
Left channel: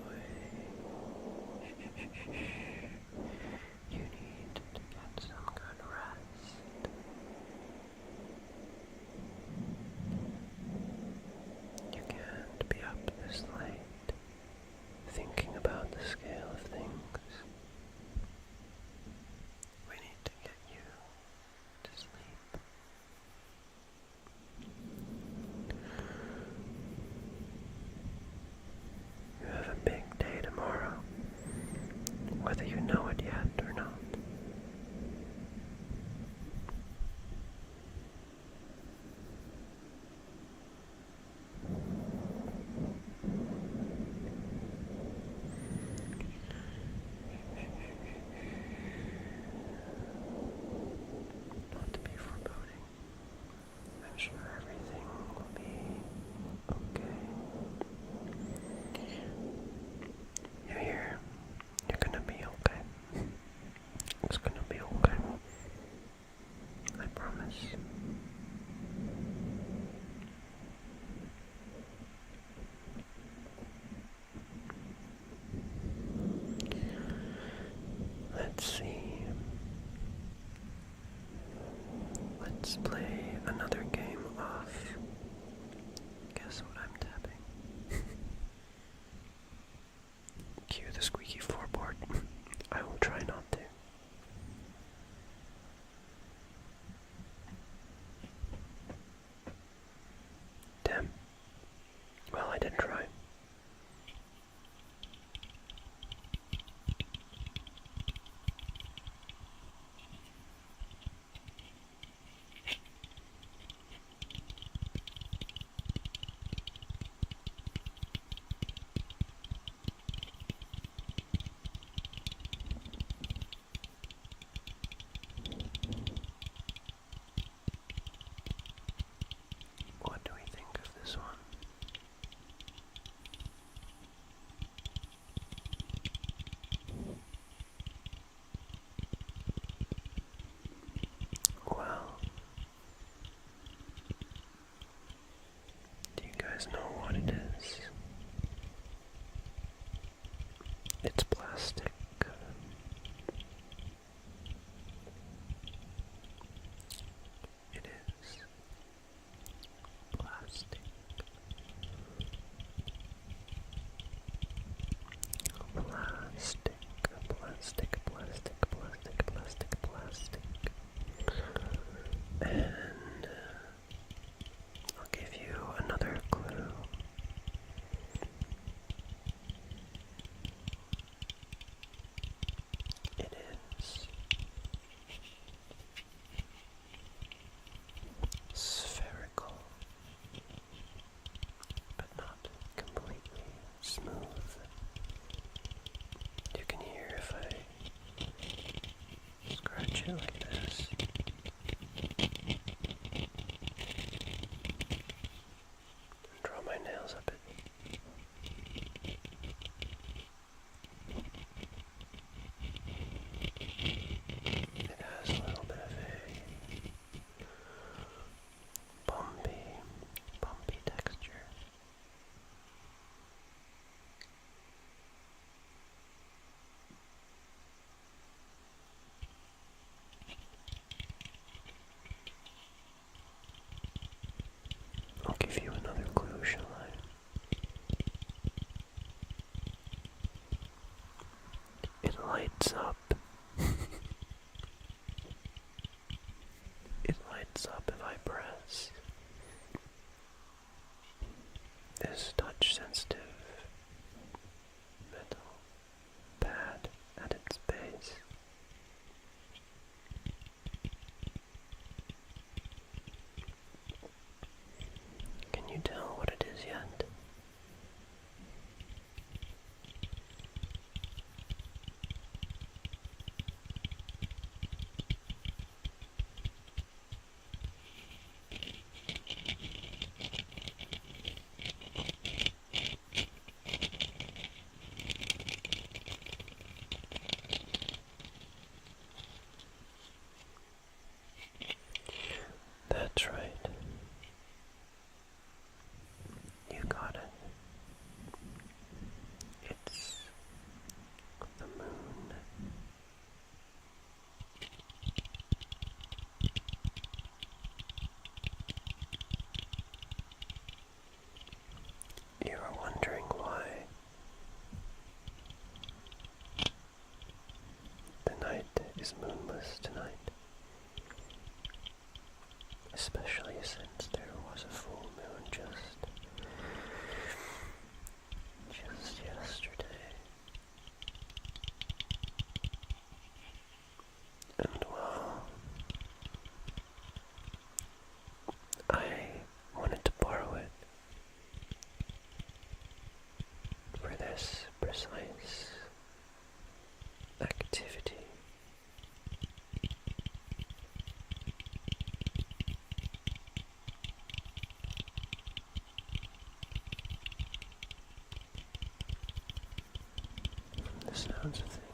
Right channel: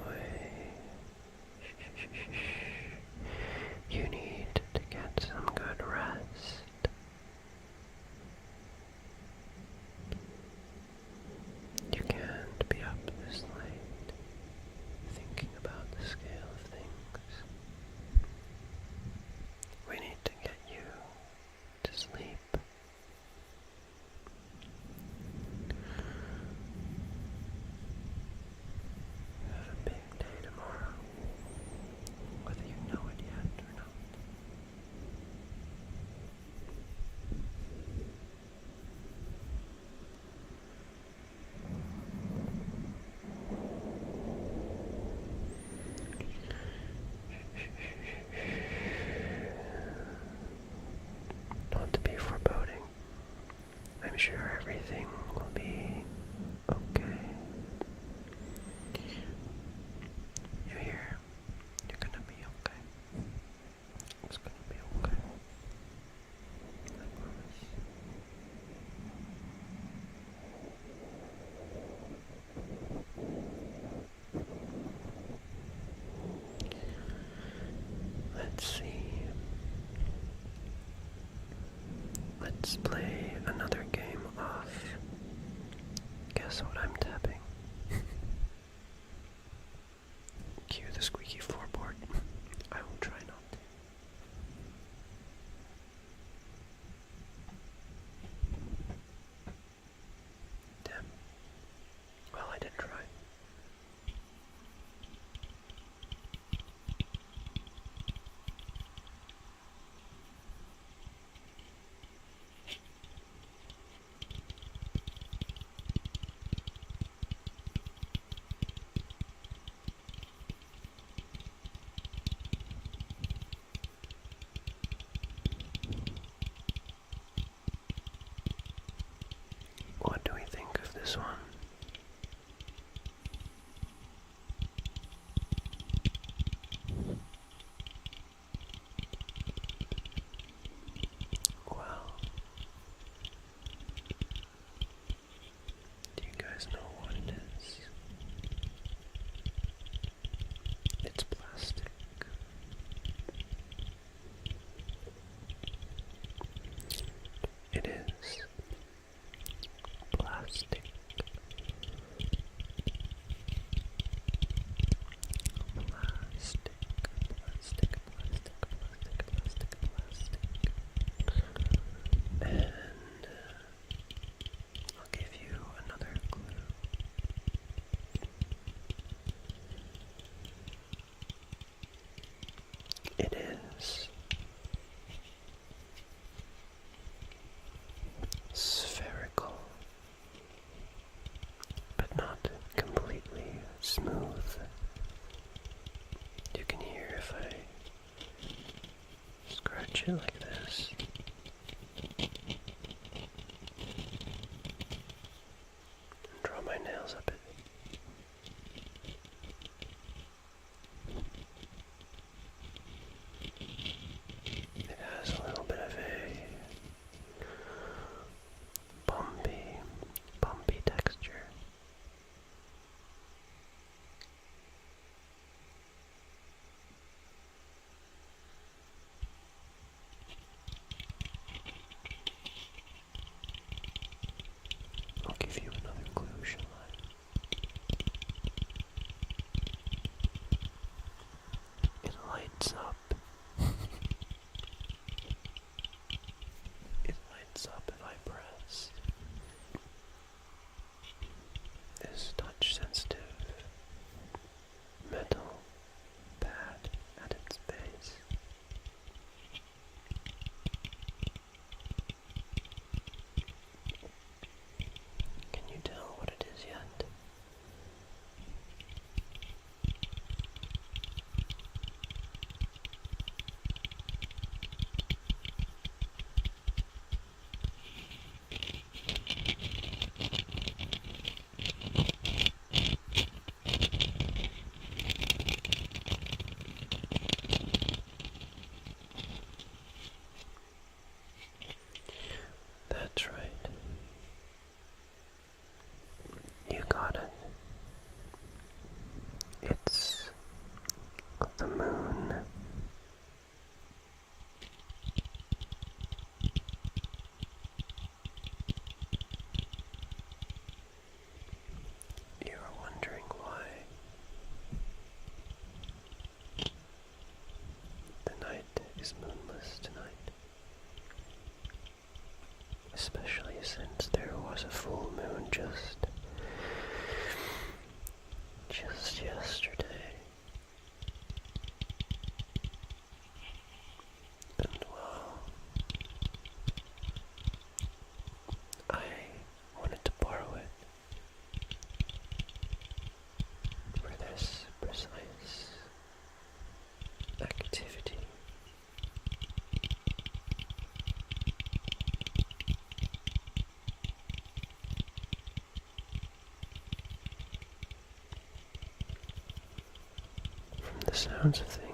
the sounds of things.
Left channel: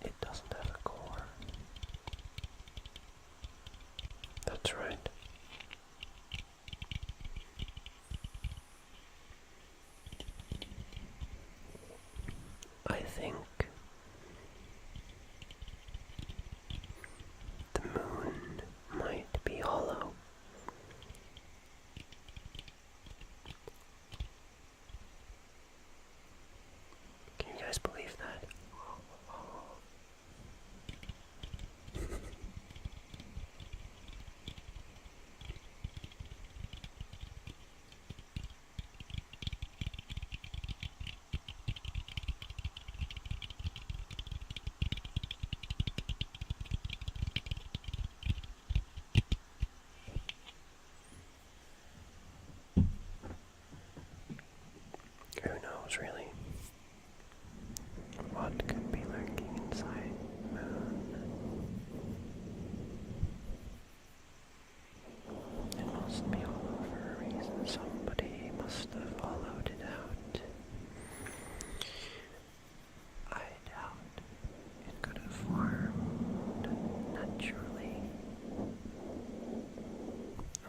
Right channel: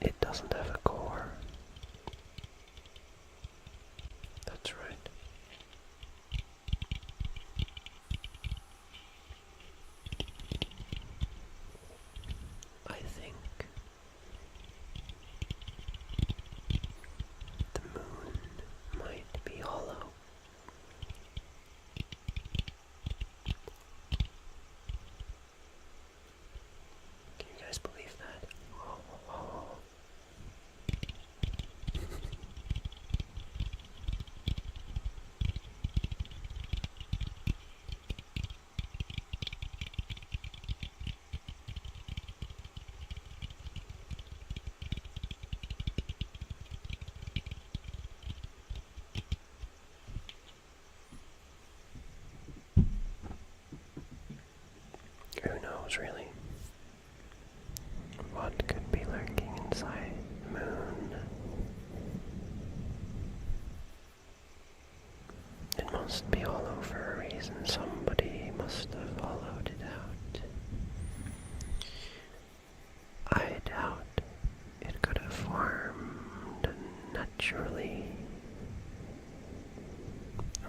It doesn't have a core. That's right. I think the moon might be hollow. Can you guys believe that? Who knows, really, what could be lurking inside the moon? It must be hollow for a reason. Somebody must have hollowed it out. I doubt it could have formed naturally.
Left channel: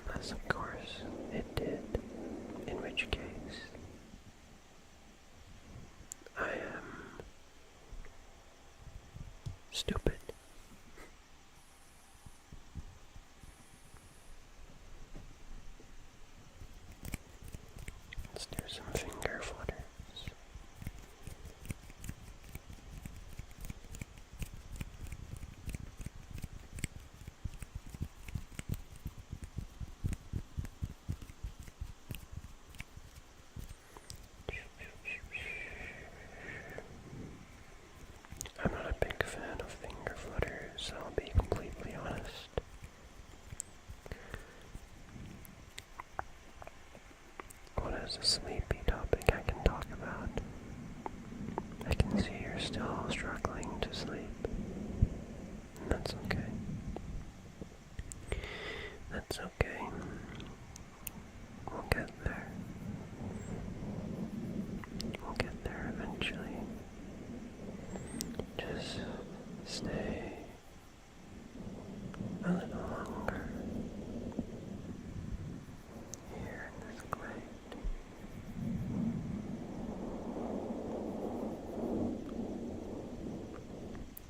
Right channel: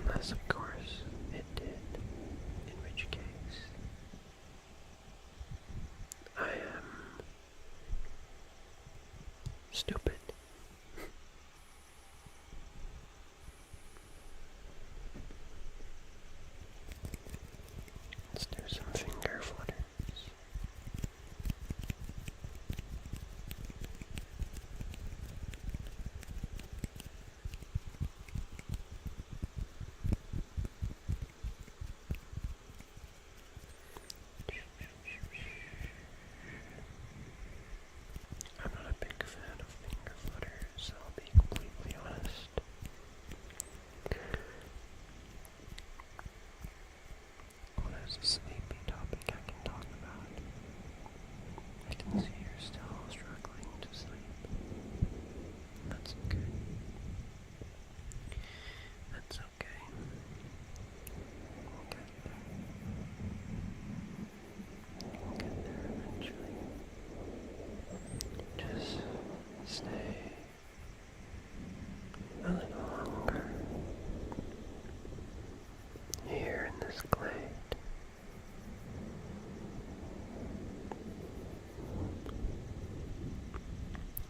Unless, of course, it did, in which case I am stupid. Let's do some finger flutters. I'm not a big fan of finger flutters, I'll be completely honest. What is a sleepy topic I can talk about? I can see you're still struggling to sleep. And that's okay. That's okay. We'll get there. We'll get there eventually. Just stay a little longer here in this glade.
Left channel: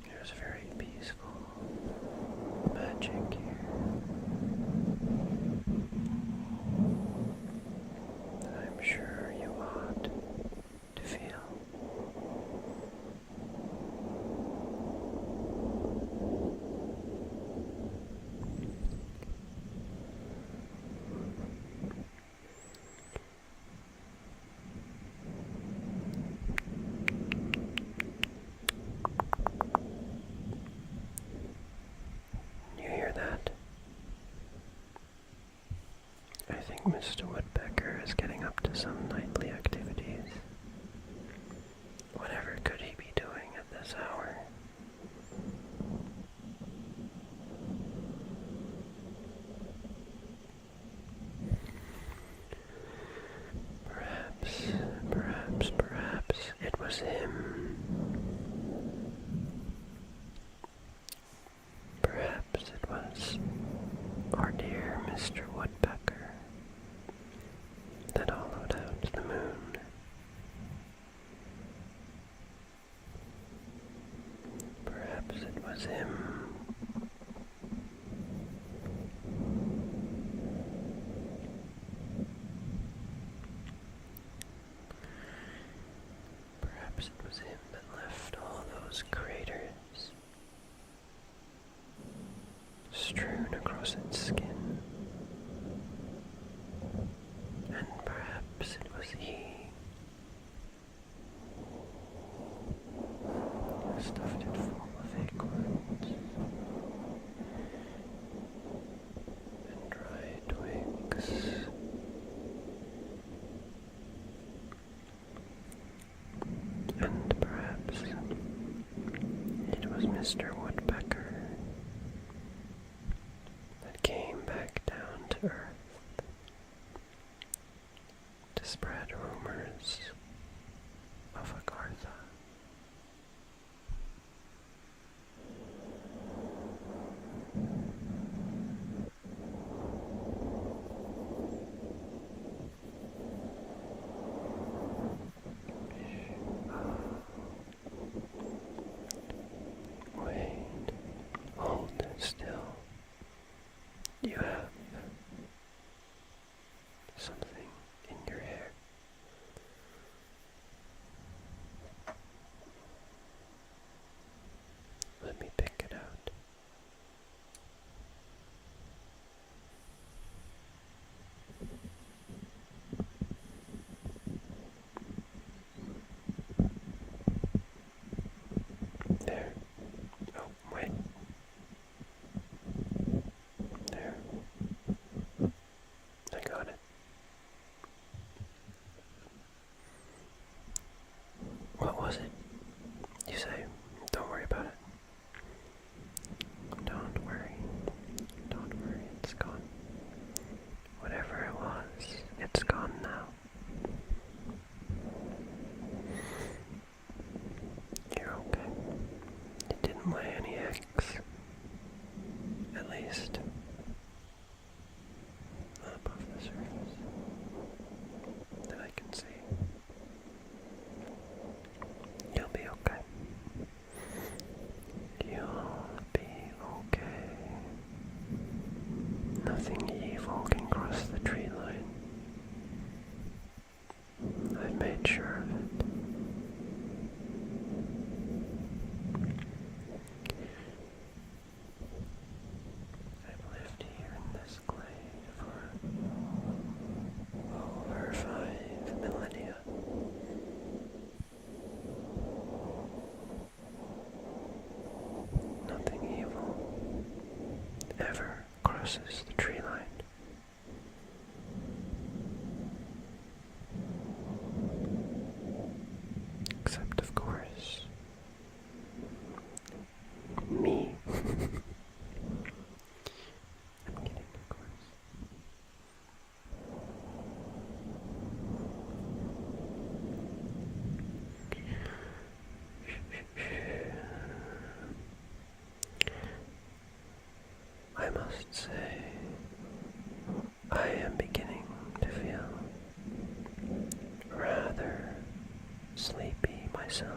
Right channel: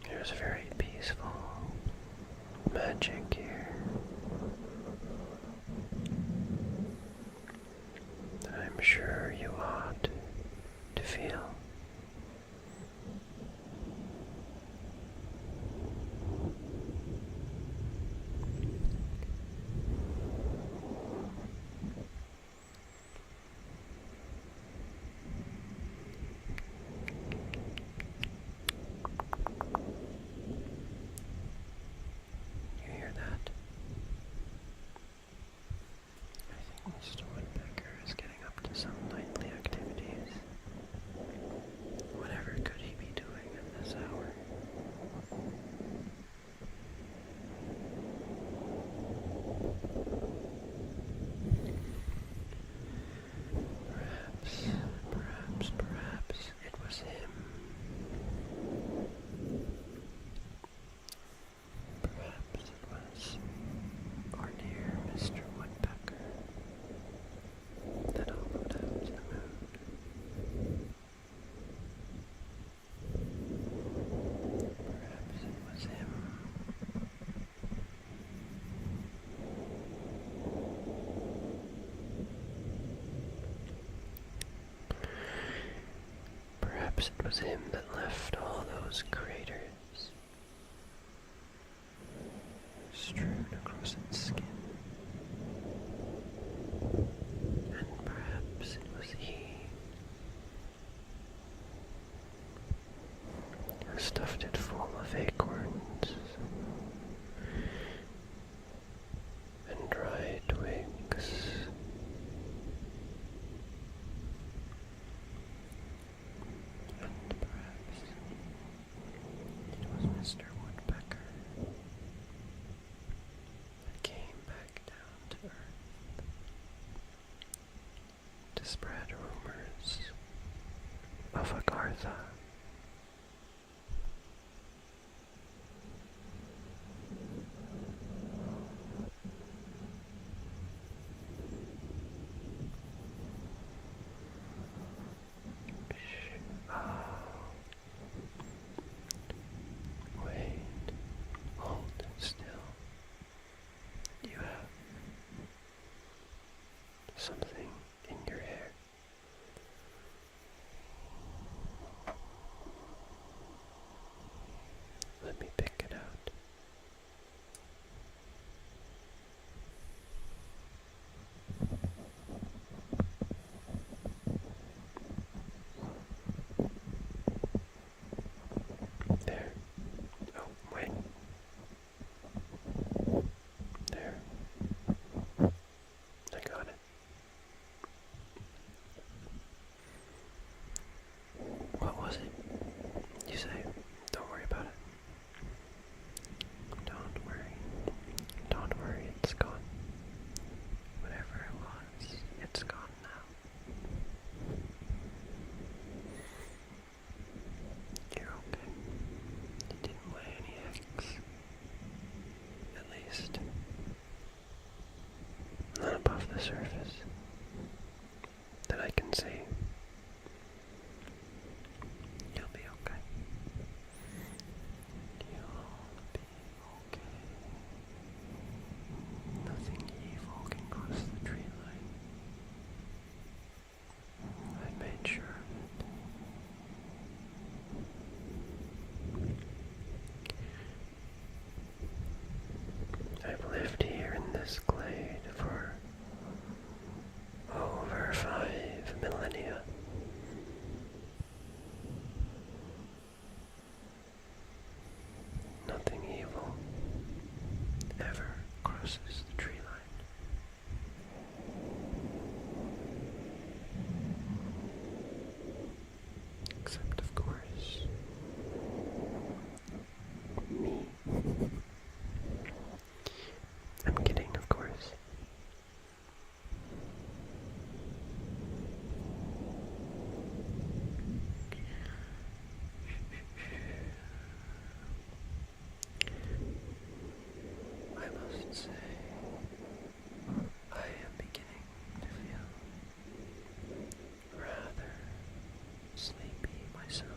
There's very peaceful magic here that I'm sure you ought to feel. You hear that? I think Mr. Woodpecker is getting up to some nightly activities. Whatever could he be doing at this hour? Perhaps it was him. Perhaps it was our dear Mr. Woodpecker that hollowed out the moon. Perhaps it was him. Perhaps it was him that left all those craters strewn across its skin. And perhaps it was he who stuffed it full of acorns and dry twigs. And perhaps it was Mr. Woodpecker that came back down to earth least not above the surface that I can see. You'll be okay. You'll be okay. Nothing evil can cross the tree line. I've made sure of it. I've lived here in this glade for over 5 millennia. Nothing evil ever crosses the tree line. Except, of course, me. I'm kidding, of course. I must say, I am beginning to feel rather sleepy myself.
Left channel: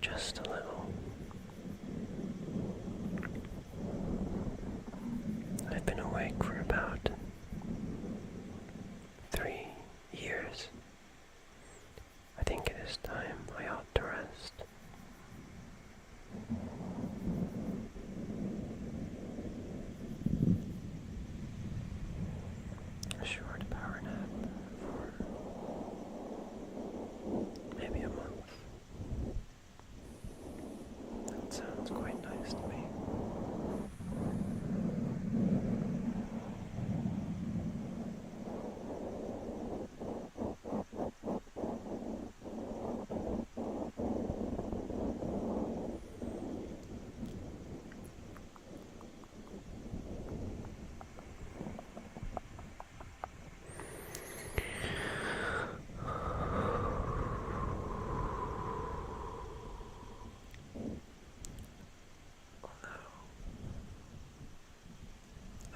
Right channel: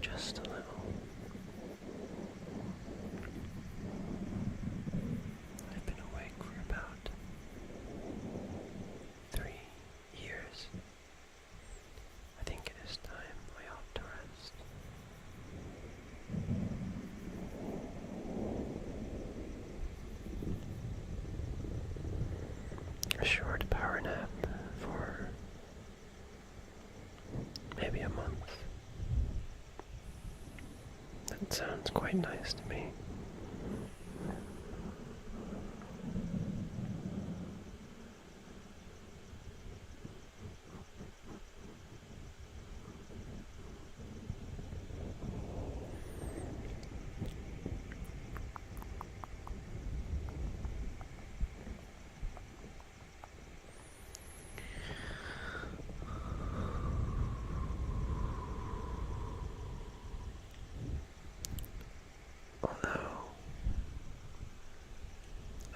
Just a little. I've been awake for about 3 years. I think it is time I ought to rest. A short power nap for maybe a month. That sounds quite nice to me.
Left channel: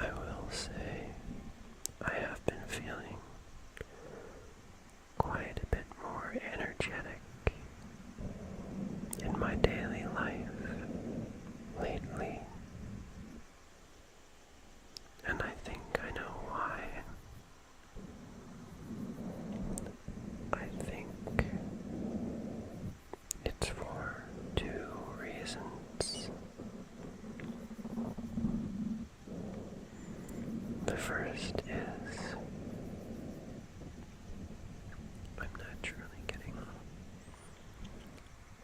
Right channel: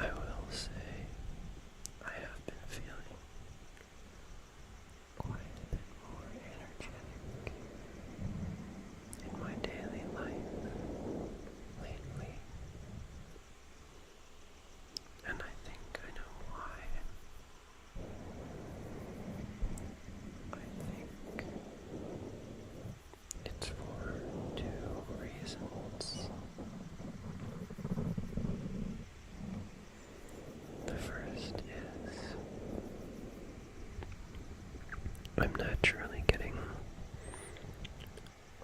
I will say I have been feeling quite a bit more energetic in my daily life lately, and I think I know why. I think it's for 2 reasons. The first is I'm naturally getting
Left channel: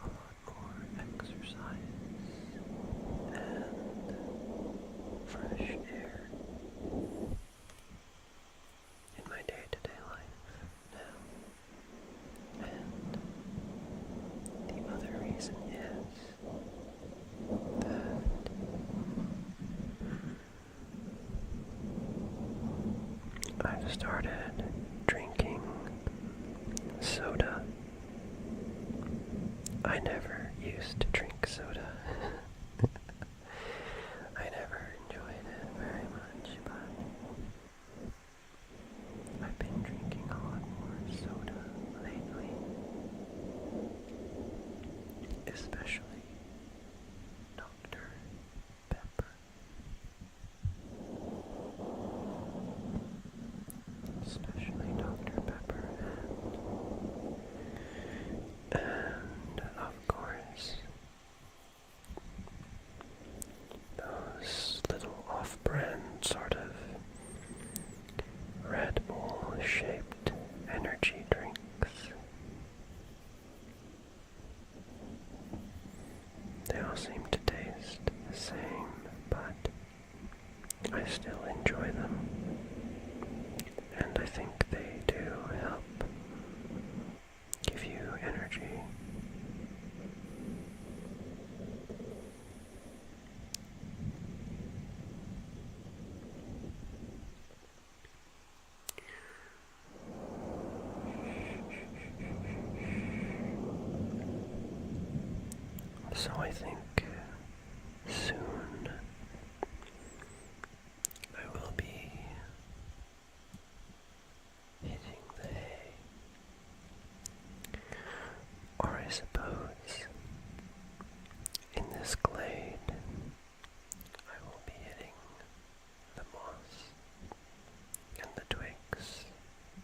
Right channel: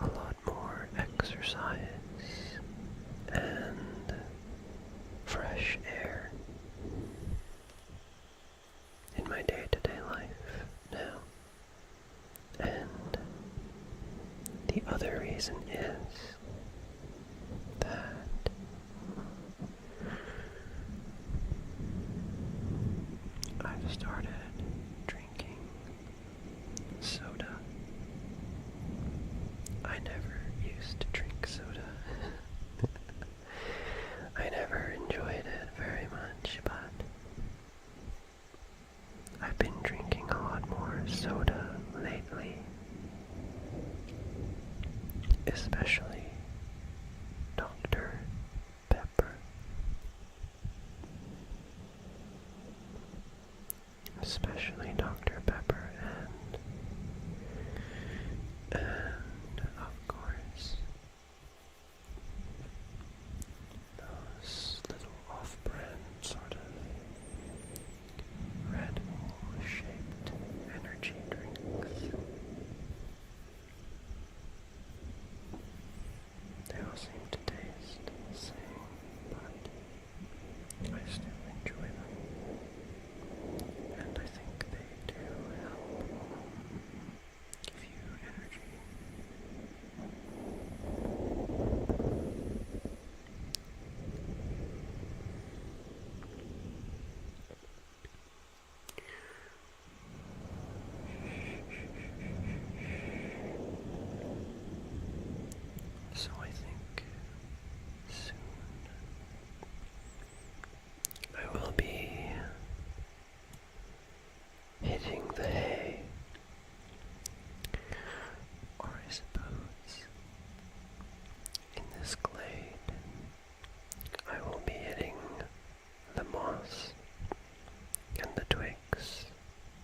a lot more exercise and fresh air in my day-to-day life now. And the other reason is that I've started drinking soda. I never used to drink soda. I never enjoyed it very much, but I've been drinking a lot more soda lately, especially Dr. Pepper. Especially Dr. Pepper and of course those little off-brand sort of Red Bull shaped energy drinks. So I think soon I will be hitting the hay, or I suppose in this glade I will be hitting the moss and the twigs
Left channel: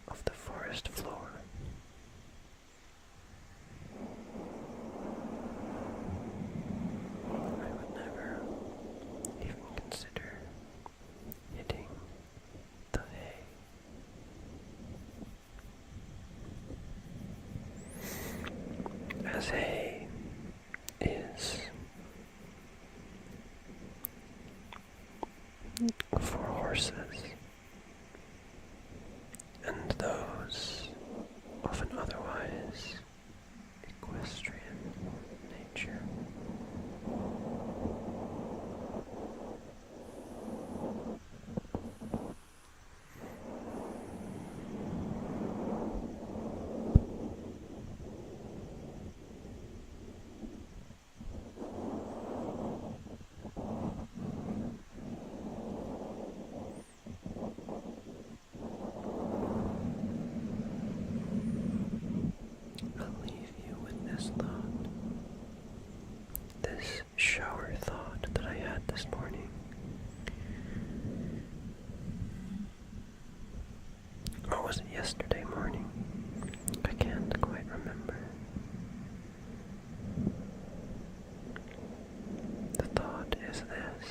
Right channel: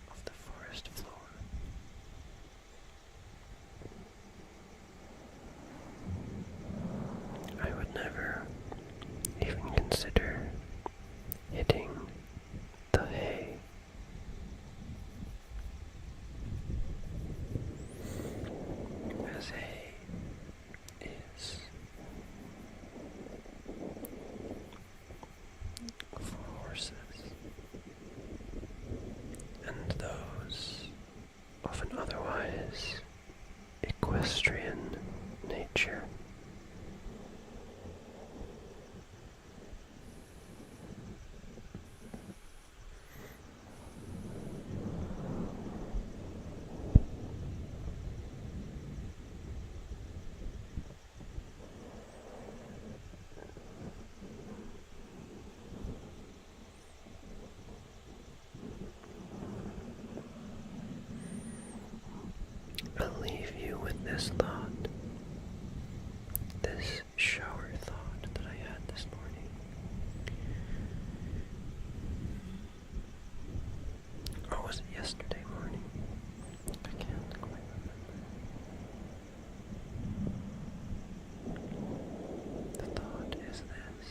of the forest floor. I would never even consider hitting the hay. As hay is for horses and those of an otherwise equestrian nature. I'll leave you with this thought, this shower thought that I had this morning. Or was it yesterday morning? I can't quite remember. The thought is this:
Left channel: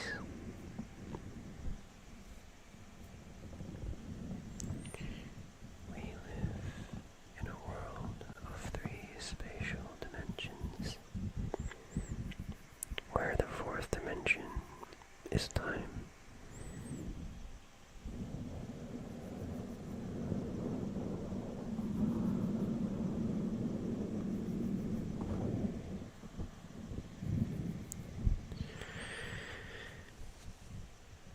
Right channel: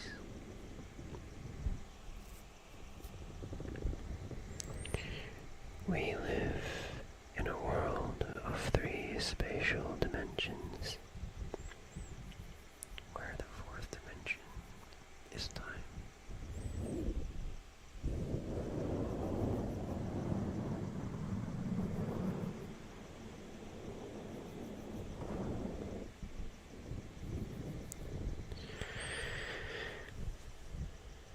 we live in a world of 3 spatial dimensions, where the 4th dimension is time.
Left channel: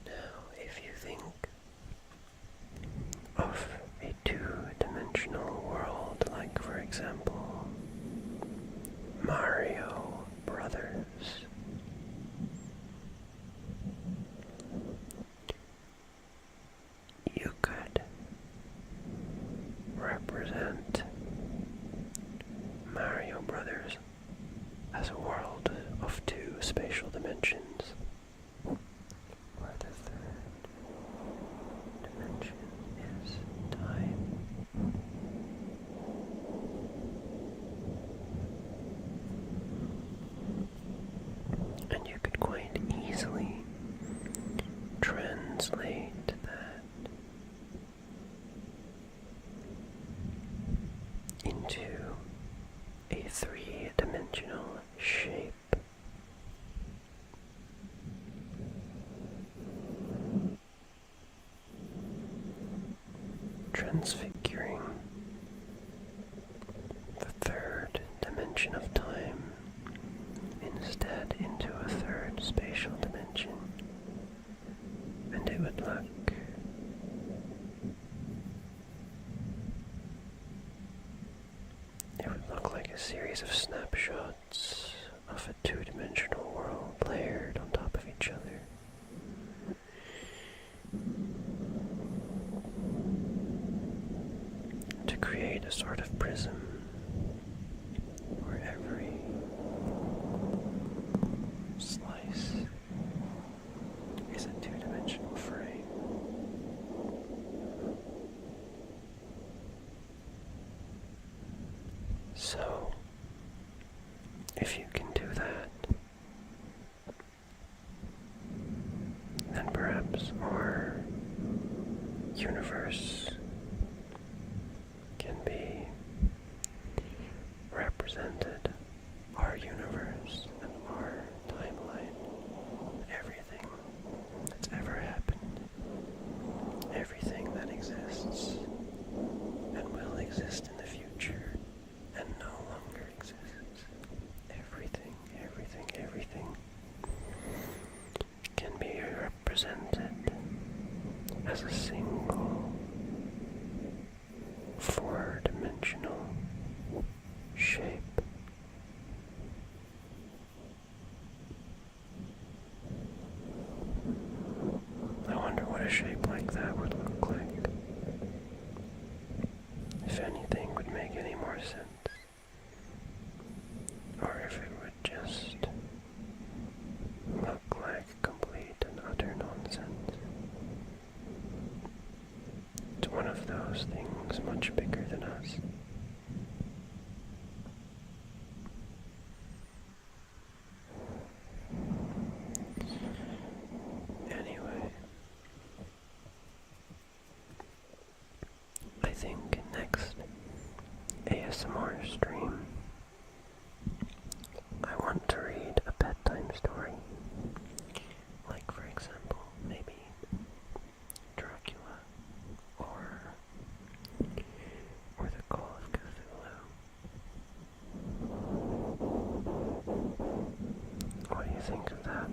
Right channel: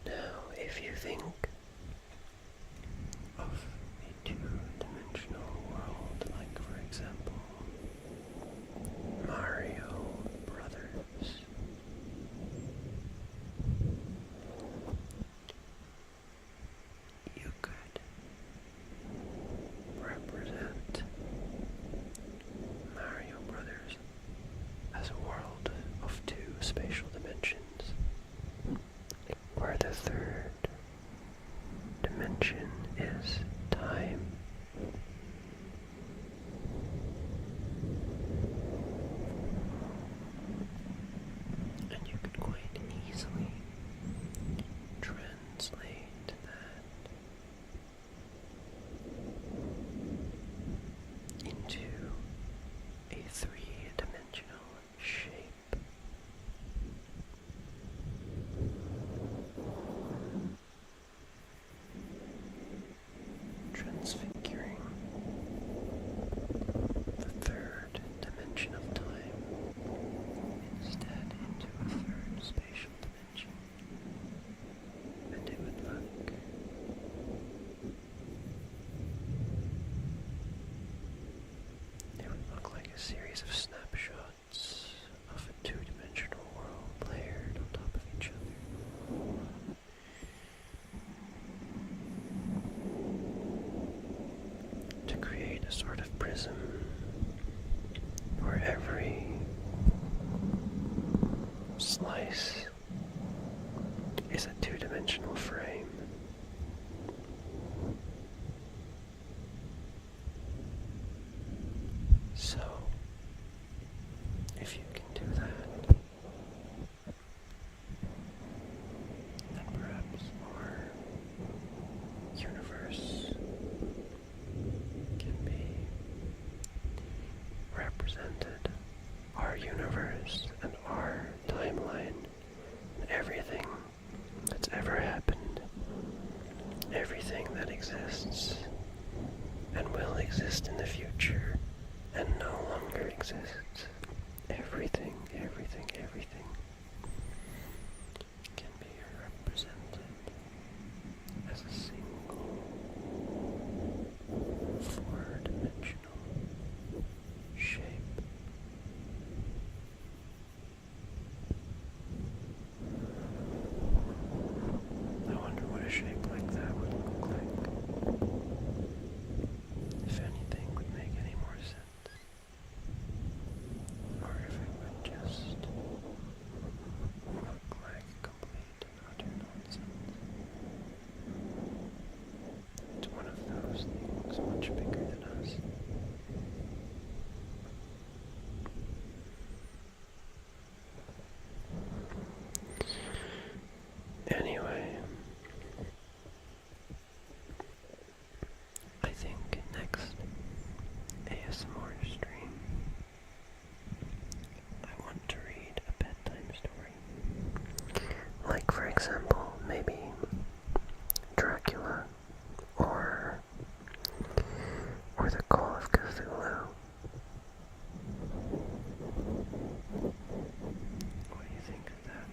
Now, if you think of a 2-dimensional world, like, for example, Mario Brothers, you could represent Mario Brothers as a world of 2 spatial dimensions, where the 3rd dimension is time. And you could quite easily translate that into a 3-dimensional shape. Transfiguring the 3rd dimension of time instead into a 3rd spatial dimension, and it would look like a series of snapshots of a 2-dimensional world layered on top of each other. To create a sort of prism where every slice is a 2-dimensional frame. So, if you can do that, then perhaps our universe can be represented, our universe and our timeline, everything that's ever happened, everything that exists and will exist in the future and no longer exists. Everything can be represented as a single 4-dimensional shape. more stream, I want to read a bedtime story. Like, for example, maybe Dracula or the Call of Cthulhu. What do you think of that?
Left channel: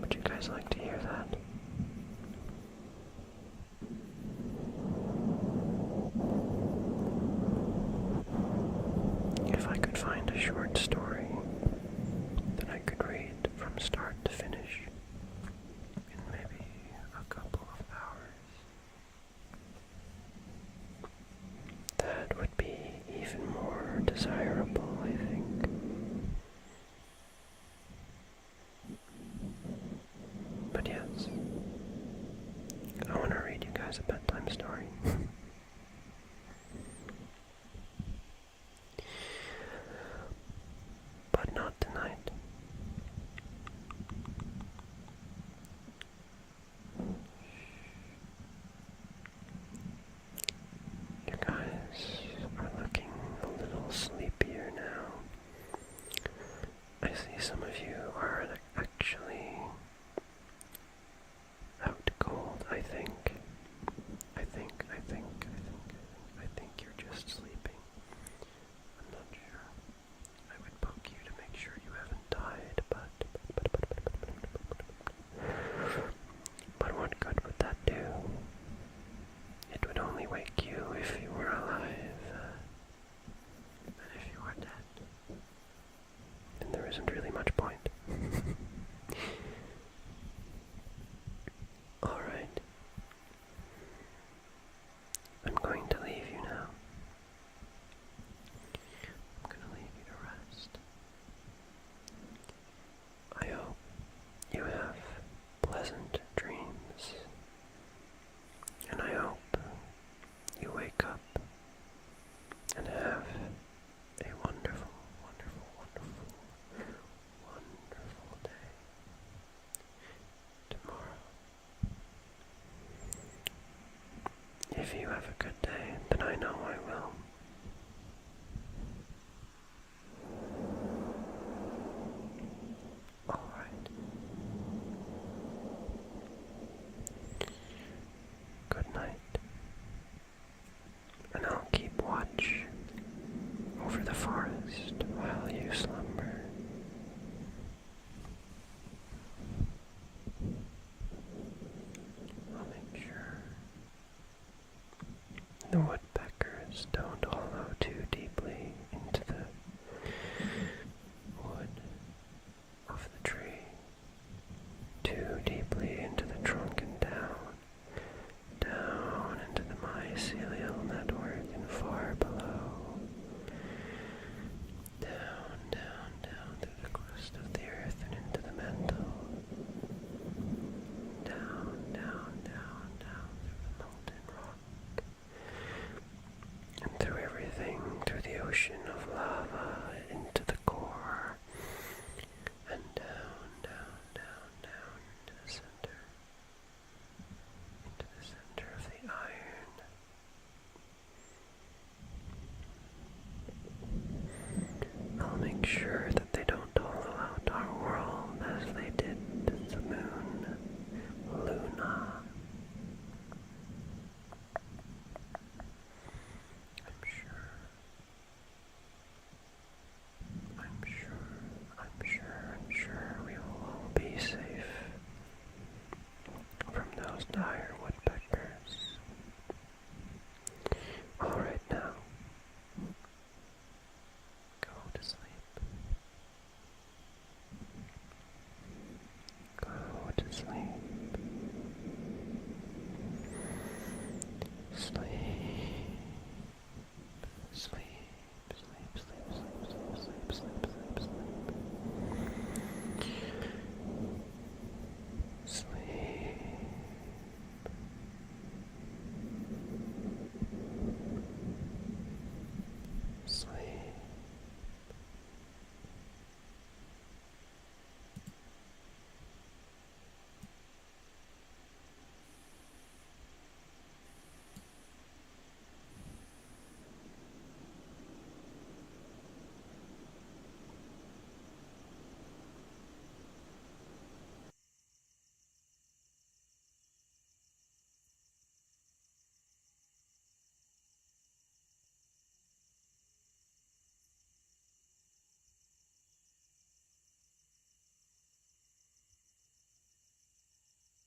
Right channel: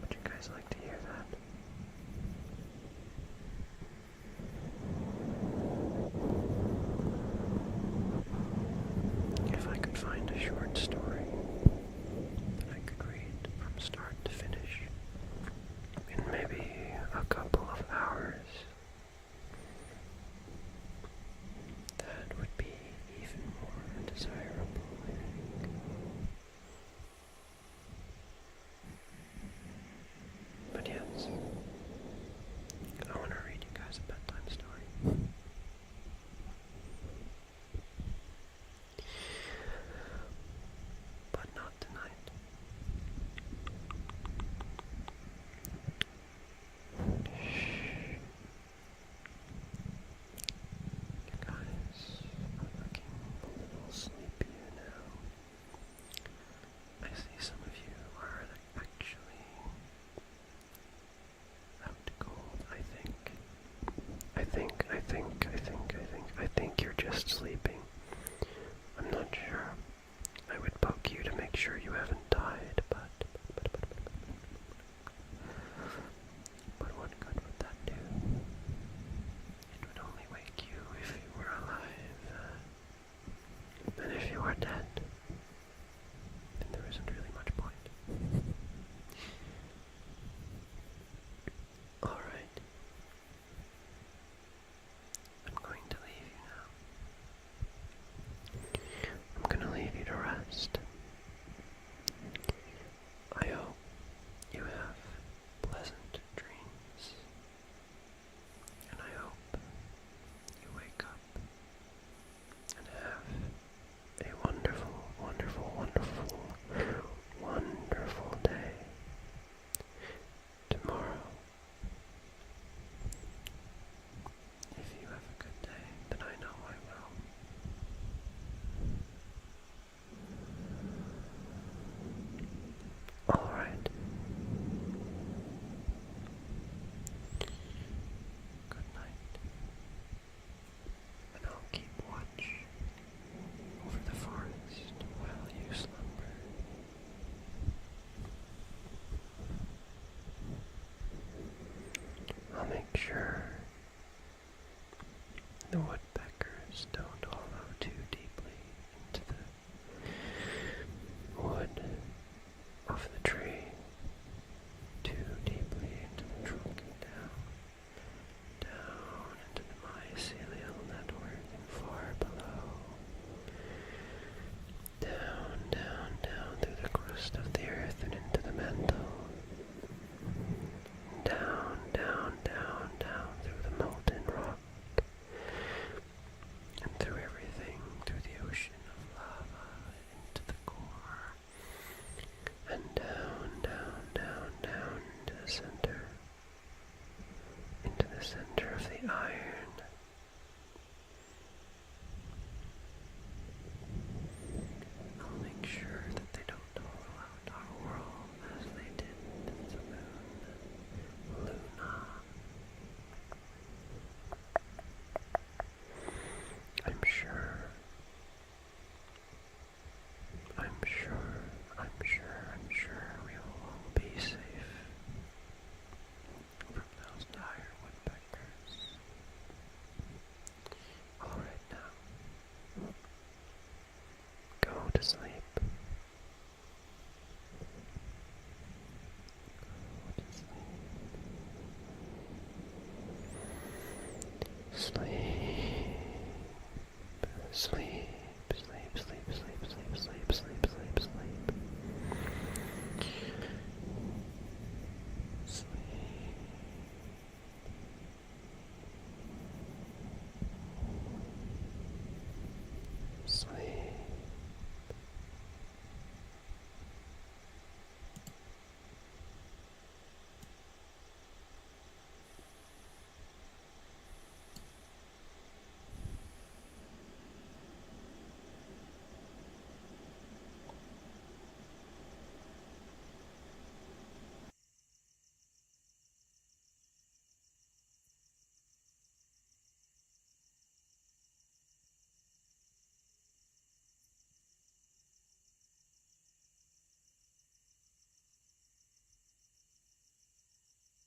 Would you guys like to hear that? If I could find a short story that I could read from start to finish in maybe a couple of hours, that would be even more desirable, I think. But yes, I want to read you guys a bedtime story. But not tonight. You guys are looking a little sleepier now. I see some of you are actually out cold, I think. I think you're just sleeping. I'm not sure. I would poke you to make sure you haven't died, but what good would that do? It would only wake you if you were alive, and if you are dead, then there isn't really much point. Alright. I'm going to leave you now. I'm going to leave you to rest. I hope you have pleasant dreams, and I hope you wake up and have a wonderful, wonderful, wonderful, wonderful day tomorrow. If you have a good day, then I know I will. Alright. Good night. And I'll keep watch over the forest while you slumber. I'll make sure the woodpeckers don't hollow too deeply into the wood of the tree, too deeply into the trunk and down into the mycelial network and far below, down through the crust of the earth and into the mantle, down through the molten rock, and through everything, through the ocean of lava, into the core, and down to the center, into the center of the iron. I'll make sure that they don't hollow out our world as they did the moon, Luna. I'm sure we will all be safe from those dire woodpeckers. Alright now, go to sleep. Go to sleep. Sleep.